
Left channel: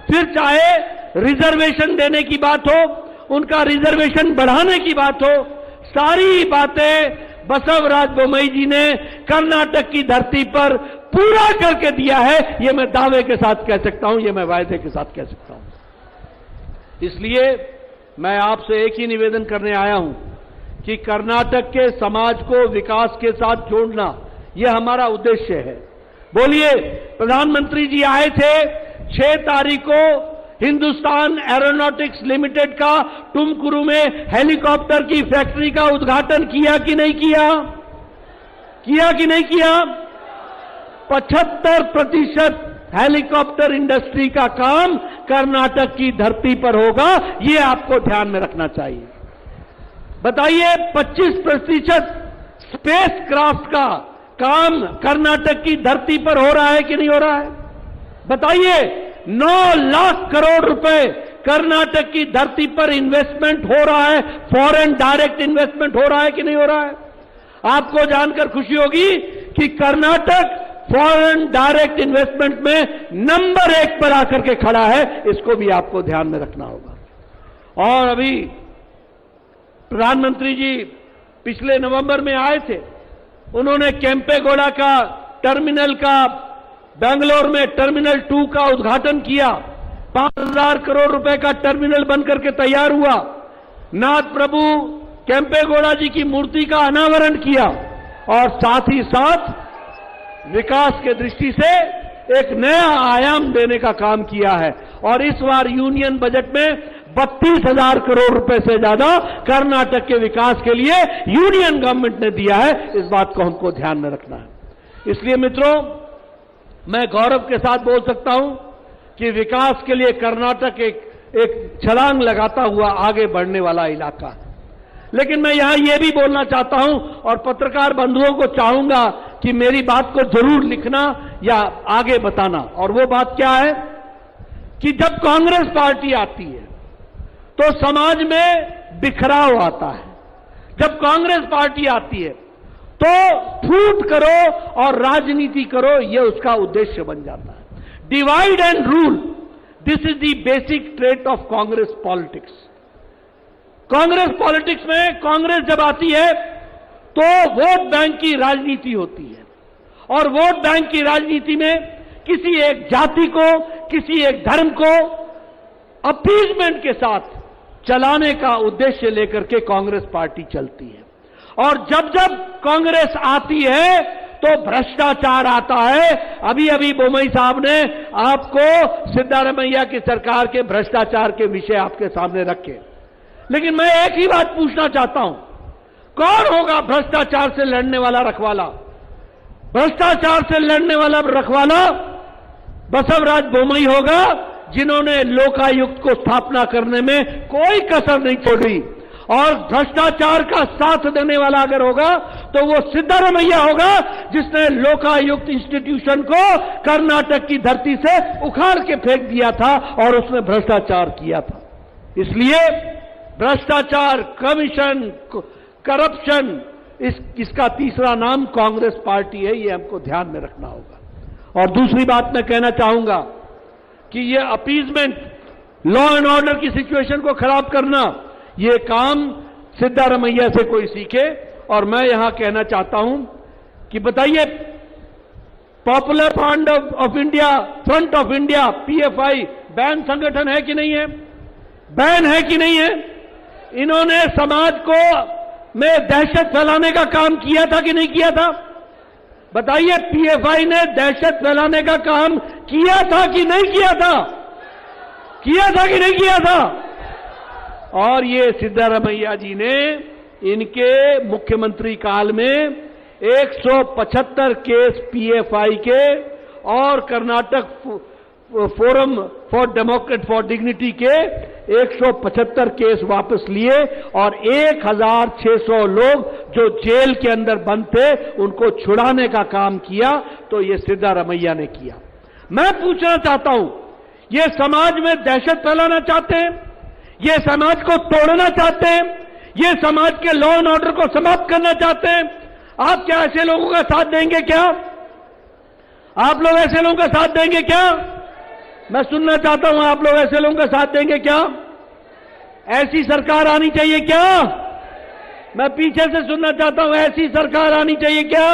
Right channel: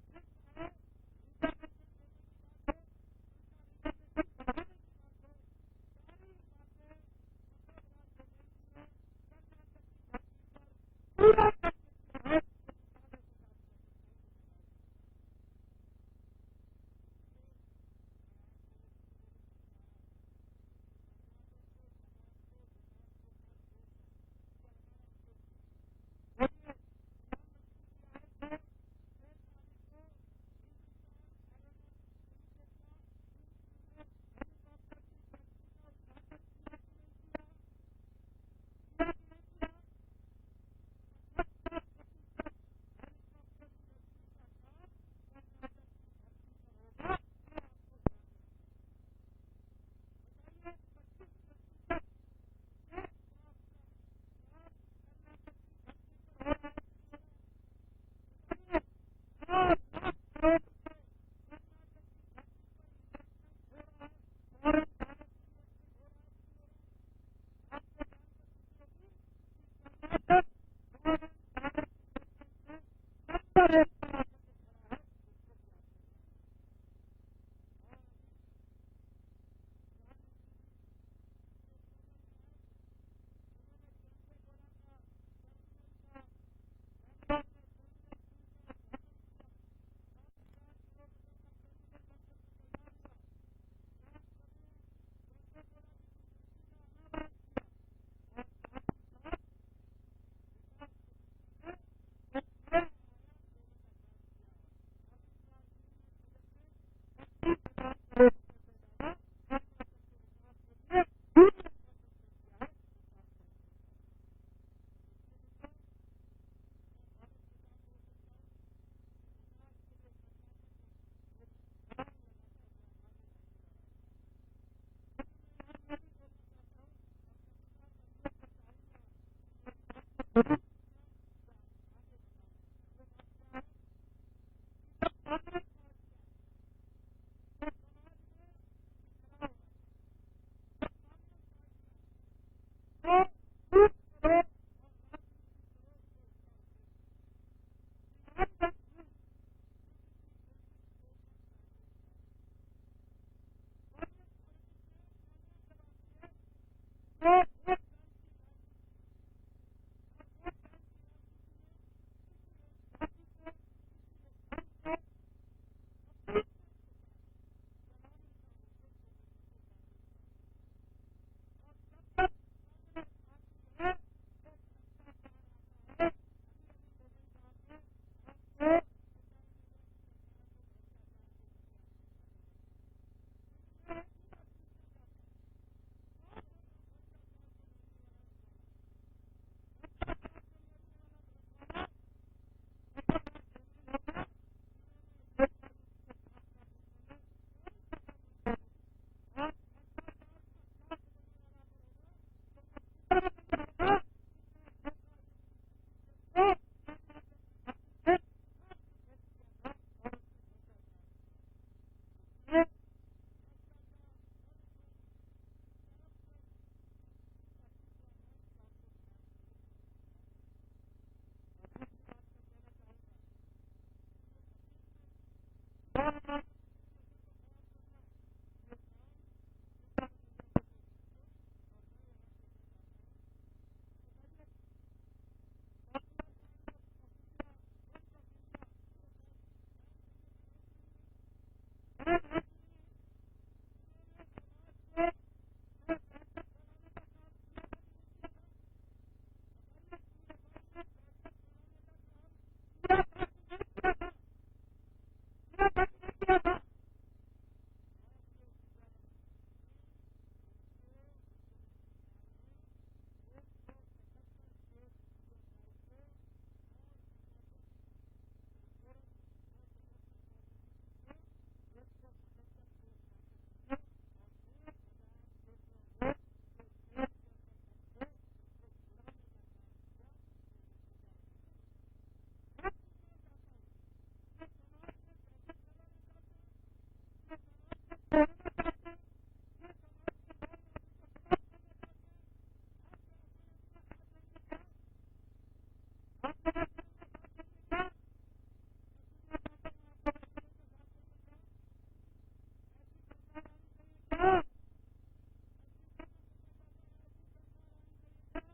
फिर चाहे रिजर्वेशन देने की बात हो, उनका रिजर्वेशन बढ़ाने की बात हो, सारी बातें बसवराज बोम्मई जी ने कर्नाटक की धरती पर पूरा करके दिया है। ये मैं दावे के साथ कह सकता हूं, ये मैं वायदे के साथ कह सकता हूं। इसलिए मैं आपसे एक ही निवेदन करने आया हूं कि कर्नाटक के समाज को विकास के साथ जोड़ना, यह हमारा उद्देश्य है। बोलिए, प्रधानमंत्री जी आए थे 6 तारीख को हिंदुस्तान एरोनॉटिक्स लिमिटेड का टुमकुरू में हेलीकॉप्टर की फैक्ट्री का उद्घाटन किया कि नहीं किया? किया कि नहीं किया? 75% हेलीकॉप्टर इंडस्ट्री का काम कर्नाटक की धरती पर होगा, ये आपको ध्यान में रखना चाहिए। बताइए, 25% स्पेस क्राफ्ट का काम कर्नाटक की धरती पर हो रहा है कि नहीं हो रहा है? बताइए, 9 लाख करोड़ रुपए कर्नाटक की धरती पर इन्वेस्टमेंट हो रहा है, फॉरेन डायरेक्ट इन्वेस्टमेंट हो रहा है कि नहीं हो रहा है? आपको जानकर खुशी होगी कि कर्नाटक फॉरेन डायरेक्ट इन्वेस्टमेंट में नंबर 1 पर आकर के खड़ा है। इसको भी आपको ध्यान में रखना होगा। और अभी प्रधानमंत्री जी पिछले नवंबर में आए थे, उन्होंने केम्पेगौड़ा का टर्मिनल का, बेंगलोर में टर्मिनल 2 का उद्घाटन किया। 5,000 करोड़ रुपए का टर्मिनल बनकर के तैयार हुआ। नाथ प्रभु केम्पेगौड़ा जी की मूर्ति का अनावरण किया और साथ ही साथ विकास के दृष्टि से एक नया आयाम देने का काम किया है। और इस बार यूनियन बजट में 32,000 करोड़ रुपए से ज्यादा कर्नाटक के विकास के लिए यूनियन गवर्नमेंट ने दिया है। इस बात को हमको ध्यान में रखना है। इसलिए मित्रों, मैं गौरव के साथ बोल सकता हूं कि विकास के लिए कर्नाटक एक छलांग लगाता हुआ आगे बढ़ने वाला इलाका है। लेकिन मैं यहां यह भी बोलना चाहता हूं और पत्रकार बंधुओं को चाहूंगा कि मेरी बात को जरूर लिखना या आगे बताना। और वो बात क्या है कि जब कांग्रेस पार्टी आती है तो समाज में बिखराव आता है। जब कांग्रेस पार्टी आती है तो फूट करो और राजनीति करो, यह उसका उद्देश्य बन जाता है। Divide and rule, this is the basic trait of Congress politics. Congress politics में कांग्रेस जब आती है तो वोट बैंक की राजनीति होती है। और वोट बैंक की राजनीति में किसी एक जाति को, किसी एक धर्म को अपीजमेंट के साथ चलाने का उद्देश्य लेकर के कांग्रेस पार्टी चलती है। और जब जब कांग्रेस आती है तो भ्रष्टाचार आता है। अभी अभी बोम्मई साहब ने आपको सिद्धारमैया की सरकार के भ्रष्टाचार के विषय आपके सामने रखे। लेकिन मैं एक ही बात पूछना चाहता हूं, कौन होगा भ्रष्टाचार से लड़ने वाला रखवाला? भ्रष्टाचार से लड़ने वाला रखवाला बसवराज बोम्मई होगा, जिन्होंने लोकायुक्त को स्थापना करने में कोई कसर नहीं छोड़ी। और भ्रष्टाचार का साथ देने वाला अगर होगा तो वो सिद्धारमैया होगा, जिसने लोकायुक्त इंस्टीट्यूशन को कर्नाटक की धरती से उखाड़ के फेंक दिया था और उसने भ्रष्टाचार किया था। इसलिए भ्रष्टाचार, कमीशन, करप्शन, इसका तीसरा नाम कांग्रेस पार्टी है। ये हमको ध्यान में रखना होगा। और दूसरी बात मैं कहना चाहूंगा कि ये अपीजमेंट, लॉ एंड ऑर्डर की सिचुएशन को खराब करना, ये काम सिद्धारमैया से कोई सीखे। और मैं यहां कहना चाहता हूं कि बताइए, popular front of India PFI ban संगठन है कि नहीं है? बैन है कि नहीं है? इन्होंने समाज को में दहशत फैलाने का काम किया था कि नहीं किया था? बताइए, पीएफआई ने दहशत फैलाने का काम किया था कि नहीं किया था? किया था कि नहीं किया था? और ये सिद्धारमैया जी ने इनके मुख्यमंत्री काल में 175 केस पीएफआई के और Karnataka forum for Democrat for dignity के 175 केस वापस लिए और 1600 लोग जो जेल के अंदर बंद थे उनको छुड़ाने का काम किया। तो ये सिद्धारमैया ने किया। मैं पूछना चाहता हूं, ये समाज में दहशत फैलाना चाहते हैं, ये समाज को तोड़ना चाहते हैं, ये समाज के लॉ एंड ऑर्डर को समाप्त करना चाहते हैं। आप क्या ऐसे लोगों का साथ देंगे क्या? आप लोग ऐसे लोगों का साथ देंगे क्या? मैं सुनना चाहता हूं, आप लोग ऐसे लोगों का साथ देंगे क्या? ऐसी सरकार आनी चाहिए क्या? मैं पीछे से सुनना चाहता हूं, ऐसी सरकार आनी चाहिए क्या?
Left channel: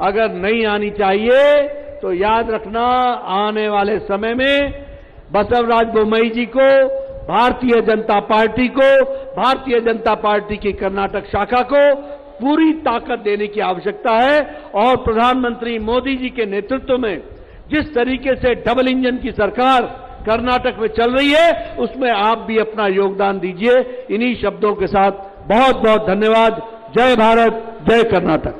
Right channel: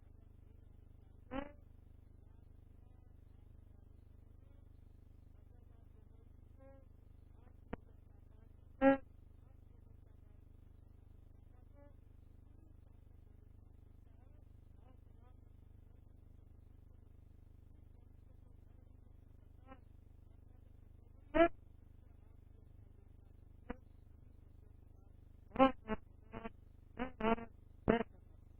अगर नहीं आनी चाहिए तो याद रखना, आने वाले समय में बसवराज बोम्मई जी को, भारतीय जनता पार्टी को, भारतीय जनता पार्टी की कर्नाटक शाखा को पूरी ताकत देने की आवश्यकता है। और प्रधानमंत्री मोदी जी के नेतृत्व में जिस तरीके से डबल इंजन की सरकार कर्नाटक में चल रही है, उसमें आप भी अपना योगदान दीजिए। इन्हीं शब्दों के साथ बहुत बहुत धन्यवाद। जय भारत, जय कर्नाटक।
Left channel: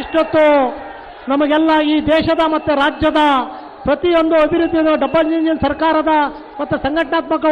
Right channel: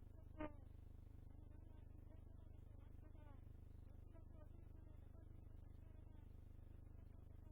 ಇಷ್ಟೊತ್ತು ನಮಗೆಲ್ಲ ಈ ದೇಶದ ಮತ್ತು ರಾಜ್ಯದ ಪ್ರತಿಯೊಂದು ಅಭಿವೃದ್ಧಿಯನ್ನು ಡಬಲ್ ಇಂಜಿನ್ ಸರ್ಕಾರದ ಮತ್ತು ಸಂಘಟನಾತ್ಮಕ